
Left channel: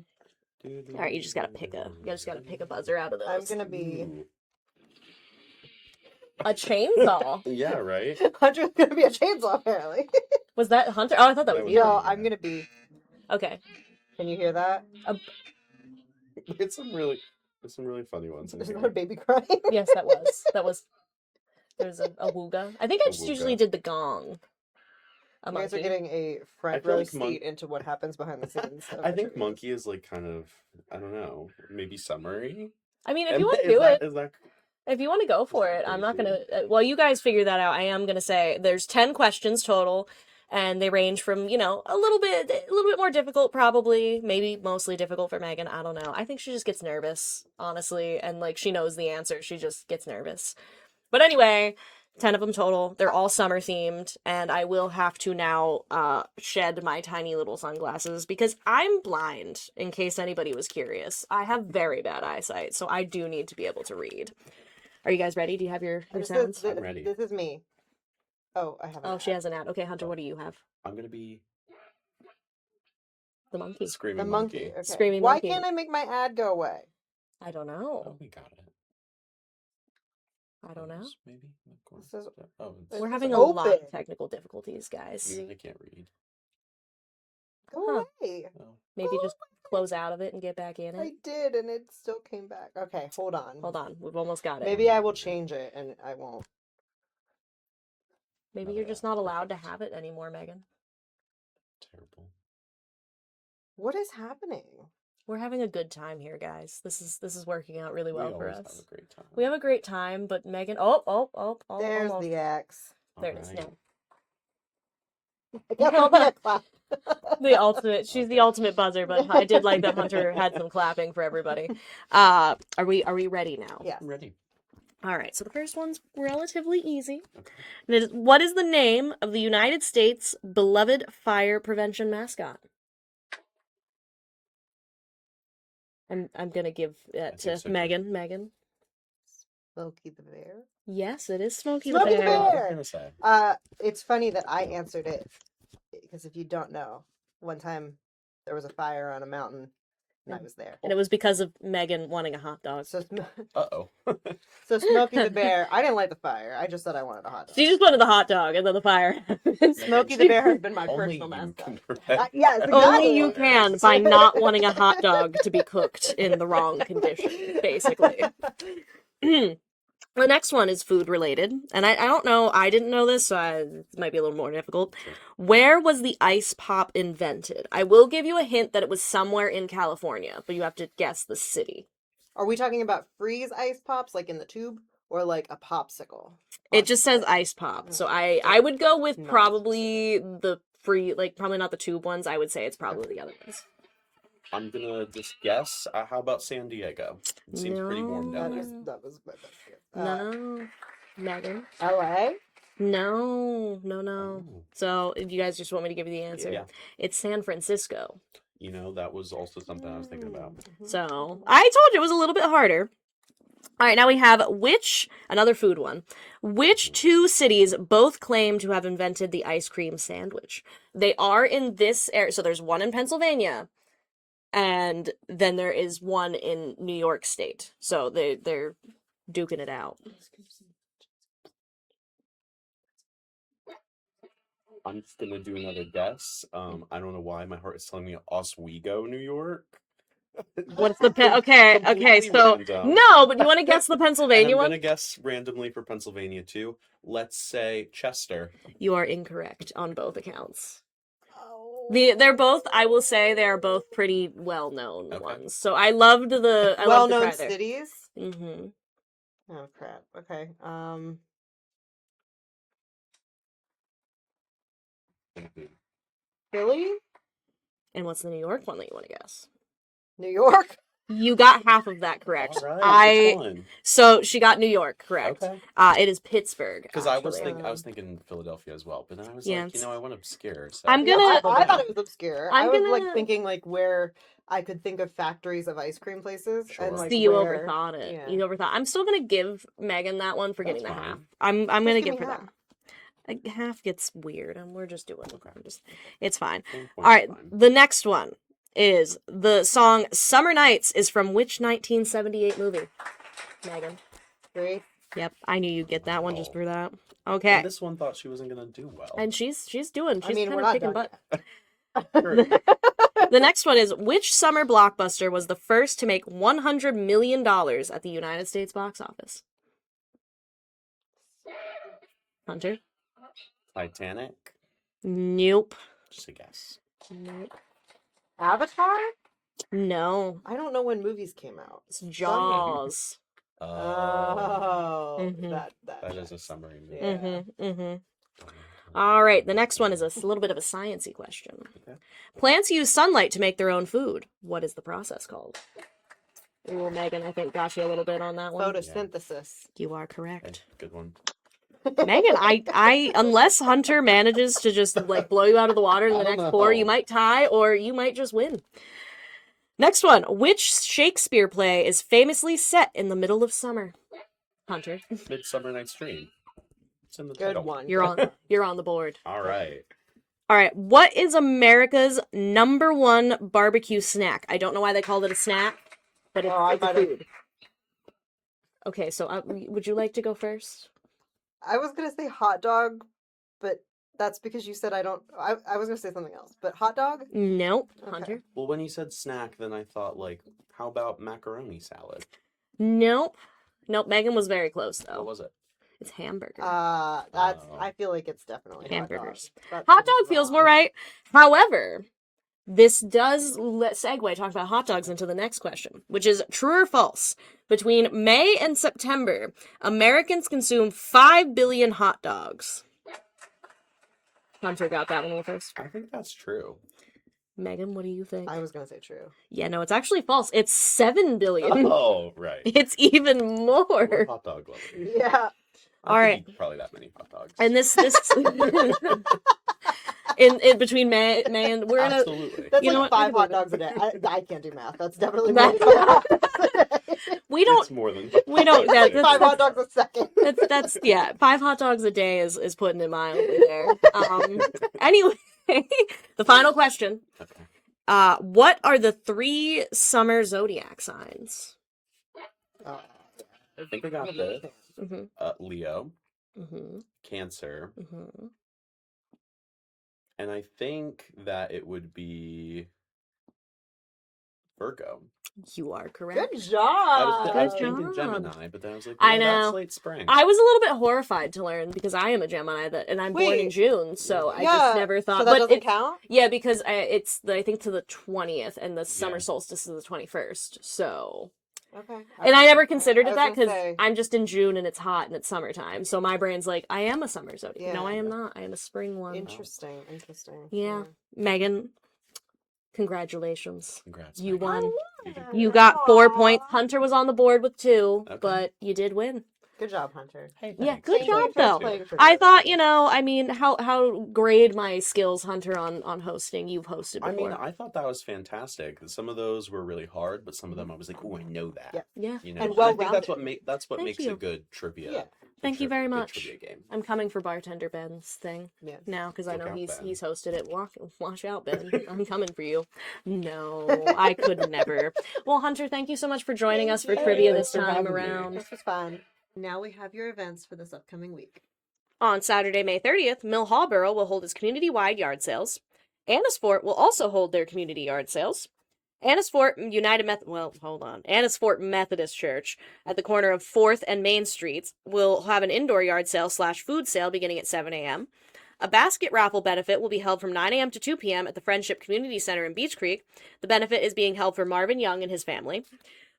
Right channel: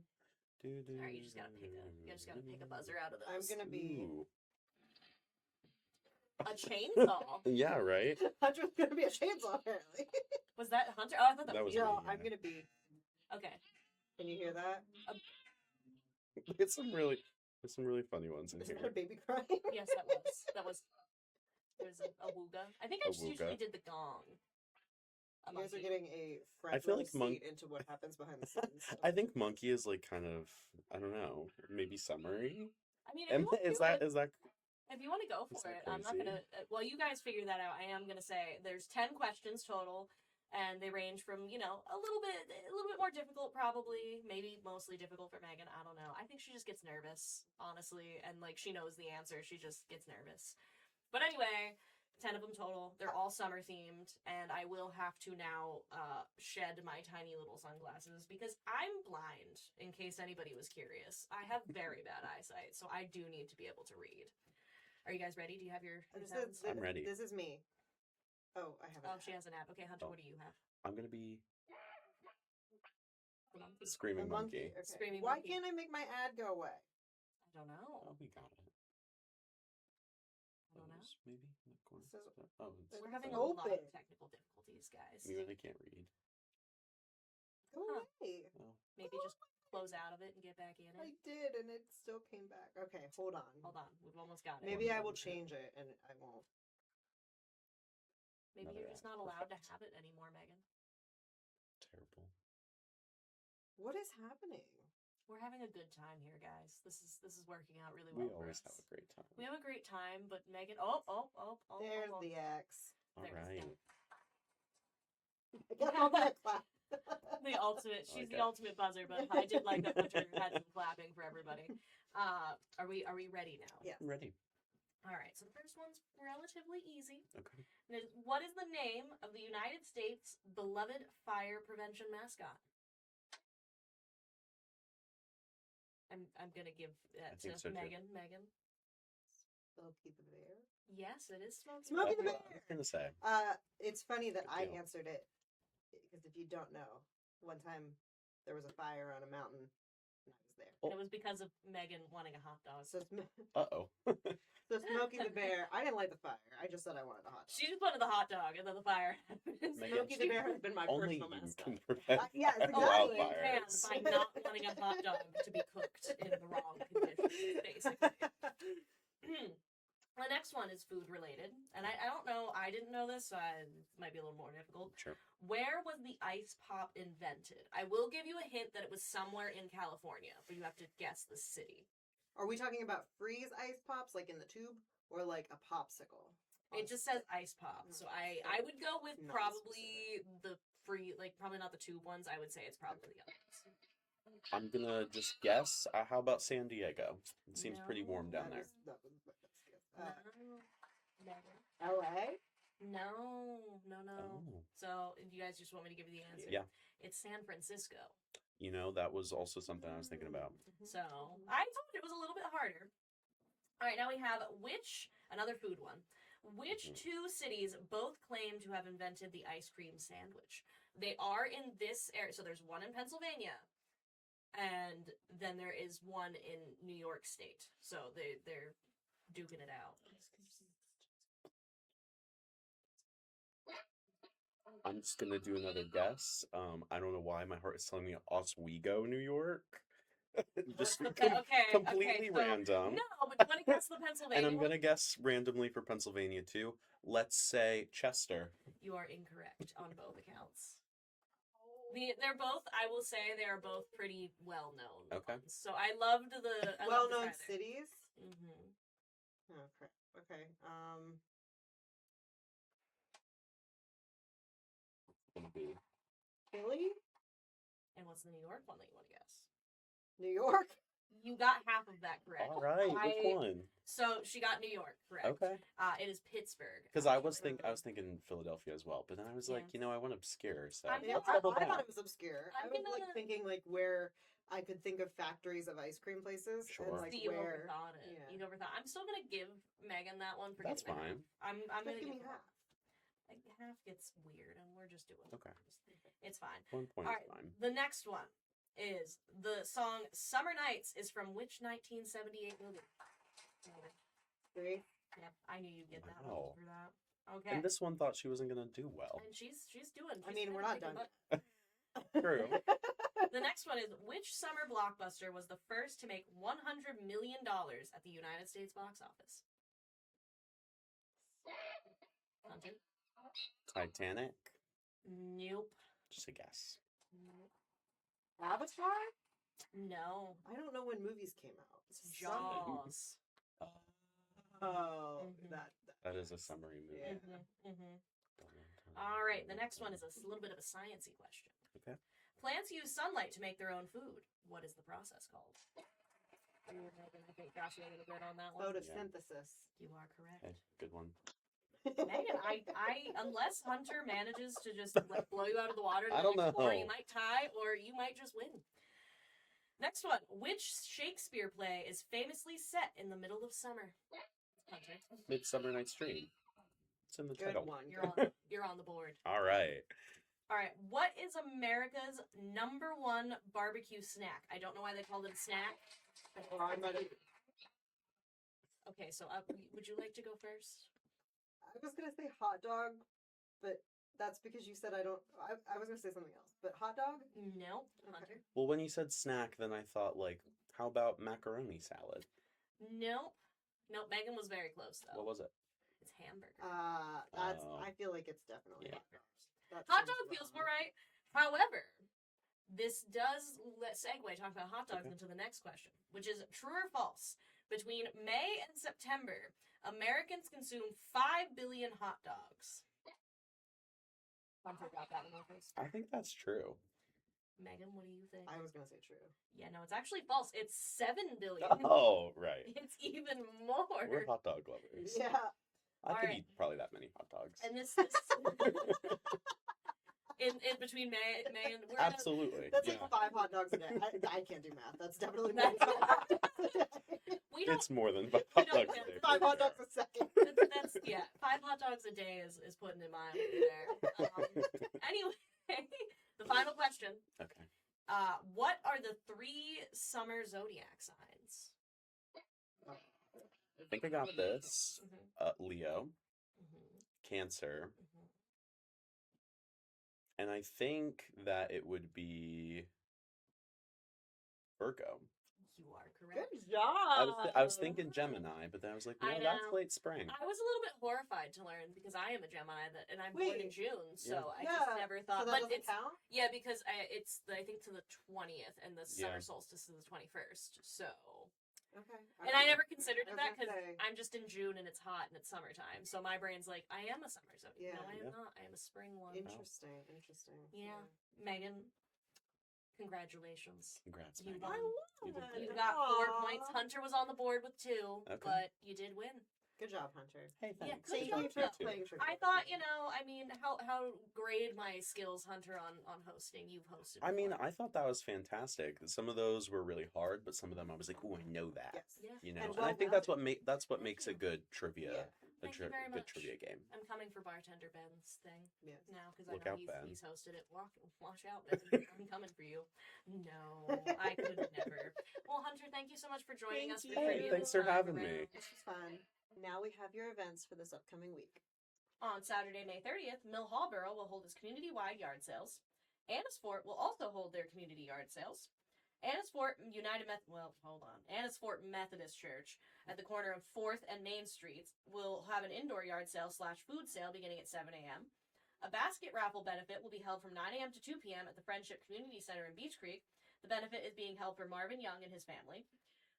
All right, you just gotta pick a buzzer out of I'm those. gonna be. Ooh. A chainsaw. Yeah, right? Hunter's gonna be a chainsaw, apparently. Was that Hunter? Oh, I thought that That was was you. No, me. I'm gonna be. Okay. Can you hear that? There's some really funny ones in Is here. that a baby crying? Yes, that was. There was a wooga. I think I A just usually wooga. did the gong. A You guys are monkey. getting a I front feel row like seat into what happens behind the scenes. of I the think trivia. monkey is like kind of, I don't know, maybe summery. I mean, if And you want to is do that it, is that if you want to go for that it, I'm not crazy? gonna. While you guys figure that out, I am gonna say there's 10 questions total, and they range from a little bit more difficult, probably, maybe mostly difficult for Megan. I don't know. I think she just gets nervous, honestly, and like she knows the answer, she just gets nervous. But anyway, 10 of them total. They're all summer themed, and I will have to now shed my tiny little sunglasses because I'm blind, in case anybody was curious. I have very bad eyesight, so I do need to be able to read. Are you guys ready? Do you have your sounds? I'm ready. This is me. Oh, I have an Oh, she ad. has an ad. Okay, Hunter, what do you have? I'm gonna be The monkey. screaming The monkey. Okay. Screaming Why monkey. can't I make my ad go away? I don't Oh, know. we got it. I don't know. Maybe. This is- Oh, We're It's having a open. lot of technical difficulties, guys. you really can't read. Go Huh. away. Oh. Maybe just close out of it and get back in I it. did, and it still came back. Okay, hold on. Hold on, we've almost got it. Maybe I will change it, and I won't. Maybe you're just not allowed to have it anymore, Megan. Terrible. What is happening? We're having a good time here, guys. This is working out really well we for always us. have a great time. We have a great time, but Megan, There's almost. the X. There it is. Alright. No. I guess I'll be a clap. The ultimate. She's the ultimate buzzer, but I did like that Hunter had some clapping for everybody. Are we ready now? Yes. I'm ready. All right. So the first one's relatively easy. Okay. And it is, what is the name of the United States' beloved fire prevention mascot? I'm gonna give that to think so, too. Megan. Megan. Smokey the Bear. Yes, it is Smokey, Smokey the the Bear. I was Bear! gonna say. It's funny that I answered it because if you don't know, one time there was a fire on a mountain and I was there. And it was because of Megan wanting a hot dog. So, Uh-oh. so Smokey the Bear. I didn't light the fire. I just said I wanted a hot dog. She just wanted the hot dog and then the fire. Smokey the Bear has been my Only personal you mascot. can prevent Yes, that. exactly. Only you can by not wanting a hot dog to be cooked in the wrong condition, basically. The next one is food related, and I don't know, I didn't know this, so it might be a little more difficult. Where was the ice pop invented? I will give you a hint that it was somewhere in California, but you have to guess the city. Are we talking about freeze ice pops, like in the tube, or like a popsicle? It just says ice pop, so I would go with Not probably the free, like probably not the tube ones. I would say it's probably the other ones. I'm gonna just guess. How about San Diego? It seems pretty warm down there. That was my best guess. No, Megan. LA? No. Oh. So, if you guys just want me to give you the answer, Yeah. it's San Francisco. You know, that was also something I was thinking about. So, I told you it was a little bit harder. All right, now we have another food one. Which two cities both claim to have invented the ice cream sandwich? They are in this area. So, there's one in Pennsylvania, and then there is one in New York State. So, they're duking it out. I'm just gonna do another guess. I don't know why my heart is telling me Oswego, New York. What's the okay? Completely So random. no, but you want to guess the And Pennsylvania I'm one? gonna guess randomly for Pennsylvania too. Let's say Chester. You are incorrect on both accounts. Oh. They're both. I will say they are both pretty well known Okay. ones. So I loved the Well-known cities? Mm-hmm. Oh, crap. Okay. Philly? And what's the New York one that you want to guess? New York? You got half of that correct. All right, which one? So she got New York correct. Okay. It is Pittsburgh. Because actually. I was thinking Philadelphia as well, but then I was Yeah, like, I went obscure. So. I'm Yeah, gonna- I thought it was obscure. I'm I was like gonna- thinking like where I could think of factories of ice cream places Sure. and like See, you where... overthought it. yeah. You overthought. I'm still gonna give Megan that one for That's getting the fine. half. I'm gonna give give me her half. that. Like, half gets weird, and we're just doing. Okay. It's fine. 1 point All right, is fine. the next one is the song "Summer Nights" is from which 1978 movie? Megan. 3. Yep, I knew you'd get that one just Oh. for that. And Okay, this one thought she wasn't gonna do well. and she's doing. She's I mean, kind we're of not kicking done butt. yet. The next one is which summer blockbuster was the first to make $100 million at the United States box office? Hunter? Titanic. Nope. Just a guess. Nope. Avatar? No. I don't know when movies came out. It's Jaws. Oh, Mhm. That that is a checks. summary movie. Yeah. Mm-hmm. All right, the next one is a little bit of a sciencey question. Okay. Plants use sunlight to make their own food. What is the process called? Ooh, Megan, I think got you a little bit on that one. Photosynthesis. You are Okay, correct. good one. Megan, I unless Hunter manages to just like blow you out of the water in the I don't next four, you know. might tie or you might just win. Next one. Which Shakespeare play is famously set in the middle of summer? Hunter. Midsummer Night's Dream. It's in the Good title. one. You're on the board. All right. All right. What is America's #1 barbecue snack? I don't know why they called it a snack, but it's, Oh, I it's a might have- food. Okay, so would you like to go first? I was gonna say hot dog, but that's because you said I don't. I was gonna say something else, but hot dog. Nope. Okay. Hunter? Well, when you said snack, then I thought, like, how about macaroni salad? Nope. Nope. Megan was very close though. What was it? It's hamburger. That's. Oh. I feel like it's definitely Hamburgers. Hot dog. Hot dog feels more right. However, this does segue talk about hot dogs into the next question, which is true or false. Between May and September, Americans consume 5 billion hot dogs. Hunter got that one first. I think that's true. Megan, what do you think? I was gonna say true. Yeah, no, it's actually false. It's 7 billion. Oh, right. It's even more. We're hot dog lovers. Yeah. I All could right. eat probably that many hot dogs. And this in between May and we're in a Absolutely. That's You know like what? I 5 can hot believe dogs a day. I can't do math. That's definitely That- more than 5 hot dogs a day. we don't It's more than we don't- It's like that- 5 hot dogs a second. that's yeah, 5 hot dogs a day is putting it mildly there. Anyway, the final question. Okay. What are the 3 summer zodiac signs? Oh, I think I got this. Mm-hmm. Leo, Mm-hmm. Cancer, Mm-hmm. and I think that it would be Virgo. You are correct. Good I job. was Good thinking job. Gemini, but then I was like, I yeah, know. that's late spring. I was a little bit horrified to learn because I am a Gemini and I'm born in Wait. June, so I Yeah, just never thought. So that but doesn't it's, count? yeah, because it's I think to the 20th, and the summer Yeah. solstice is the 21st. So, Okay. and I never considered I it was that gonna because say- I'm just in June and it's hot and it's summertime. So my brain's like, I am a summer zodiac. No, Yeah. I am not. I am a spring one. Interesting. Yeah. Megan, congratulations. Congrats. You Megan. won. You did You great. got 4 Aw. points. Hunter was on the board with 2, Okay. but you did win. Good job, Hunter. Hey, Yeah, thanks. good Thank you job, for though. playing for I us. thought, I mean, how grade my skills, Hunter, on hosting. You've hosted before. I mean, I thought that was fantastic. Some of those were really hard, but some of them I was like, "Oh, I know that." Yes. yeah. You know, And I think that's well-rounded. what Thank makes you. a good trivia. Yeah. good Thank you very good much. Trivia game. I'm coming for bartender Ben's thing Yeah. now because I Look know out, he's Ben. he's hosted it. Watch out, Ben. I'm coming for you. No, I could never. Well, Hunter, thank you so much for joining us for Thank trivia you. this Thanks for time having me. around. This was fun. Now we have your events for this upcoming week. On Saturday, May 30th, Mill Hall Borough will hold its community-wide yard sales. Annisfort will also hold their community yard sales. Annisfort Methodist Church at the corner of 4th and Main Streets will have an indoor yard sale / food sale beginning at 7 a.m. A basket raffle benefit will be held from 9 a.m. to 2 p.m. at the Friendship Community Center in Beech Creek. The benefit is being held for Marvin Young and his family.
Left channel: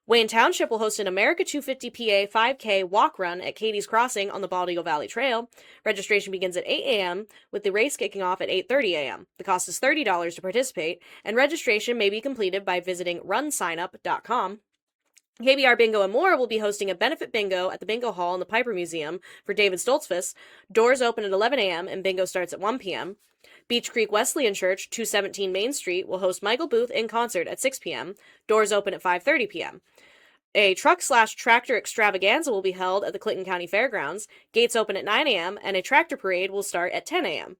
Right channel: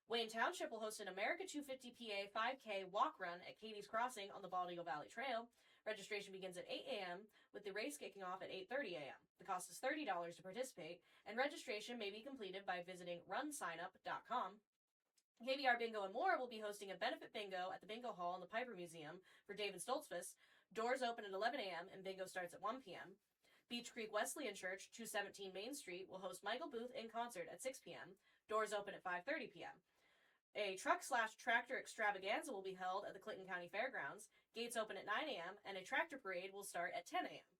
Wayne Township will host an America 250 PA 5K walk run at Katie's Crossing on the Bald Eagle Valley Trail. Registration begins at 8 a.m., with the race kicking off at 8:30 a.m. The cost is $30 to participate, and registration may be completed by visiting runsignup.com. KBR Bingo and More will be hosting a benefit bingo at the Bingo Hall in the Piper Museum for David Stoltzfus. Doors open at 11 a.m. and bingo starts at 1 p.m. Beech Creek Wesleyan Church, 217 Main Street, will host Michael Booth in concert at 6 p.m. Doors open at 5:30 p.m. A truck/tractor extravaganza will be held at the Clinton County Fairgrounds. Gates open at 9 a.m., and a tractor parade will start at 10 a.m.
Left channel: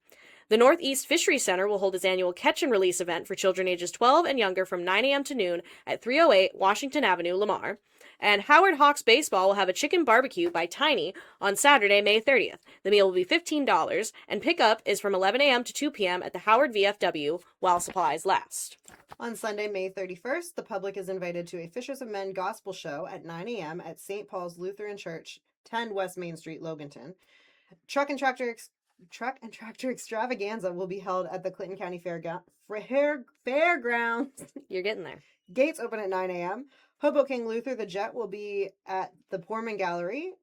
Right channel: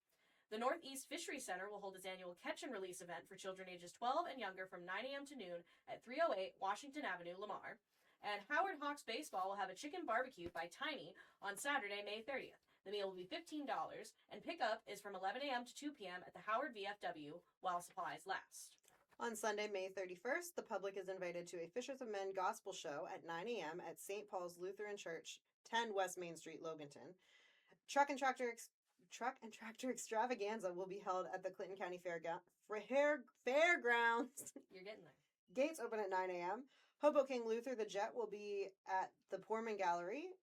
The Northeast Fishery Center will hold its annual Catch and Release event for children ages 12 and younger from 9 a.m. to noon at 308 Washington Avenue, Lamar. And Howard Hawks Baseball will have a chicken barbecue by Tiny on Saturday, May 30th. The meal will be $15, and pickup is from 11 a.m. to 2 p.m. at the Howard VFW while supplies last. On Sunday, May 31st, the public is invited to a Fishers of Men gospel show at 9 a.m. at St. Paul's Lutheran Church, 10 West Main Street, Loganton. Truck and tractor Truck and Tractor Extravaganza will be held at the Clinton County Fairgrounds. You're getting there. Gates open at 9 a.m. Hobo King Luther the Jet will be at the Poorman Gallery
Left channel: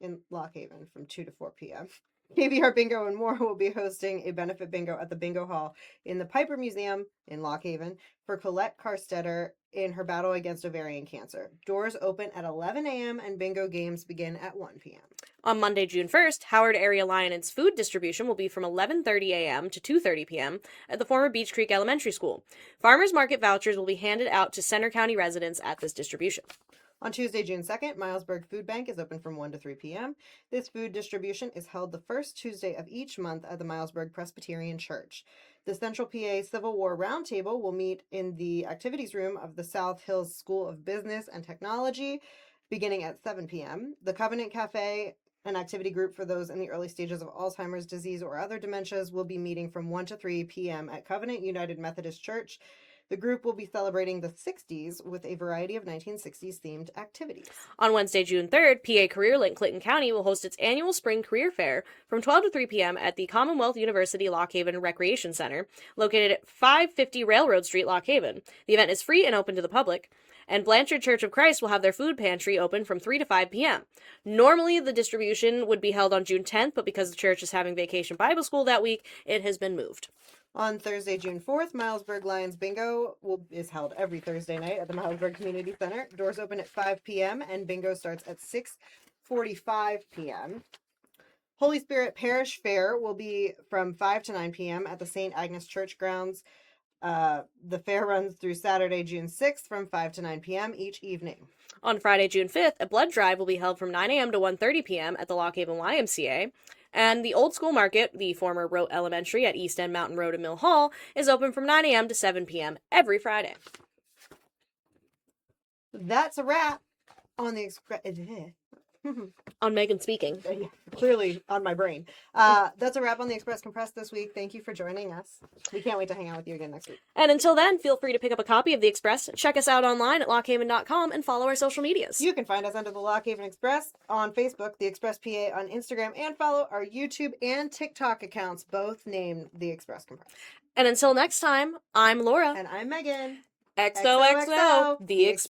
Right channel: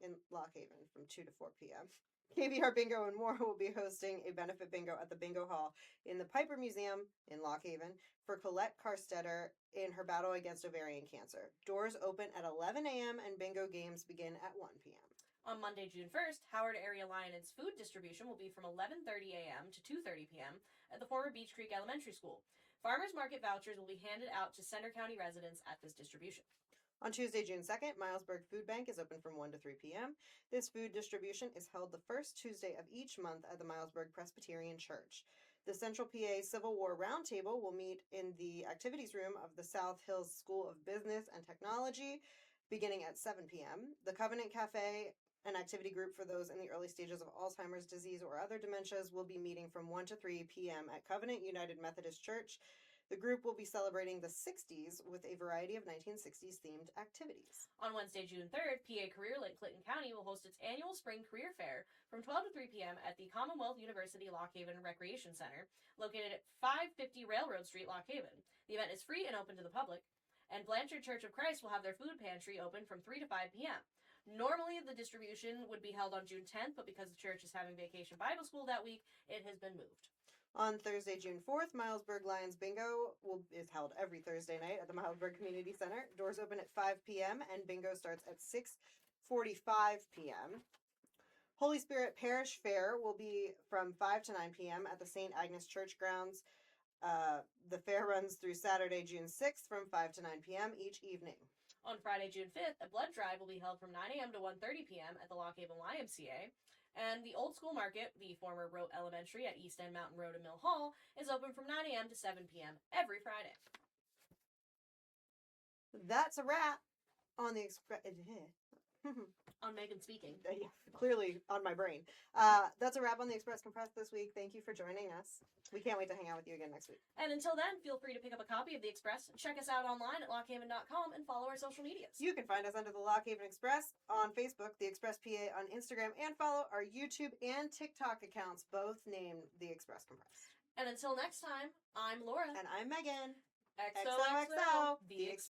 in Lock Haven from 2 to 4 p.m. KBR Bingo and More will be hosting a benefit bingo at the Bingo Hall in the Piper Museum in Lock Haven for Colette Carstetter in her battle against ovarian cancer. Doors open at 11 a.m. and bingo games begin at 1 p.m. On Monday, June 1st, Howard Area Lion's food distribution will be from 11:30 a.m. to 2:30 p.m. at the former Beech Creek Elementary School. Farmers market vouchers will be handed out to Center County residents at this distribution. On Tuesday, June 2nd, Milesburg Food Bank is open from 1 to 3 p.m. This food distribution is held the first Tuesday of each month at the Milesburg Presbyterian Church. The Central PA Civil War Roundtable will meet in the activities room of the South Hills School of Business and Technology beginning at 7 p.m. The Covenant Cafe, an activity group for those in the early stages of Alzheimer's disease or other dementias, will be meeting from 1 to 3 p.m. at Covenant United Methodist Church. The group will be celebrating the 60s with a variety of 1960s themed activities. On Wednesday, June 3rd, PA CareerLink Clinton County will host its annual Spring Career Fair from 12 to 3 p.m. at the Commonwealth University Lock Haven Recreation Center, located at 550 Railroad Street, Lock Haven. The event is free and open to the public, and Blanchard Church of Christ will have their food pantry open from 3 to 5 p.m. Normally, the distribution would be held on June 10th, but because the church is having Vacation Bible School that week, it has been moved. On Thursday, June 4th, Milesburg Lions Bingo is held every Thursday night at the Milesburg Community Center. Doors open at 5 p.m. and bingo starts at 6:45 p.m. Holy Spirit Parish Fair will be from 5 to 9 p.m. at the St. Agnes Church grounds. The fair runs through Saturday, June 6th from 5 to 9 p.m. each evening. On Friday, June 5th, a blood drive will be held from 9 a.m. to 1:30 p.m. at the Lock Haven YMCA. And the Old School Market, the former Rote Elementary at East End Mountain Road and Mill Hall, is open from 9 a.m. to 7 p.m. every Friday. That's a wrap on the On Megan speaking. clearly on my brain. That's a wrap on the Express Compressed this week. Thank you for joining us. We can't wait to hang out with you again next week. And until then, feel free to pick up a copy of the Express, check us out online at lockhaven.com, and follow our social medias. You can find us under the Lock Haven Express on Facebook, the Express PA on Instagram, and follow our YouTube and TikTok accounts, both named the Express Compressed. And until next time, I'm Laura. And I'm Megan. XOXO, the Express.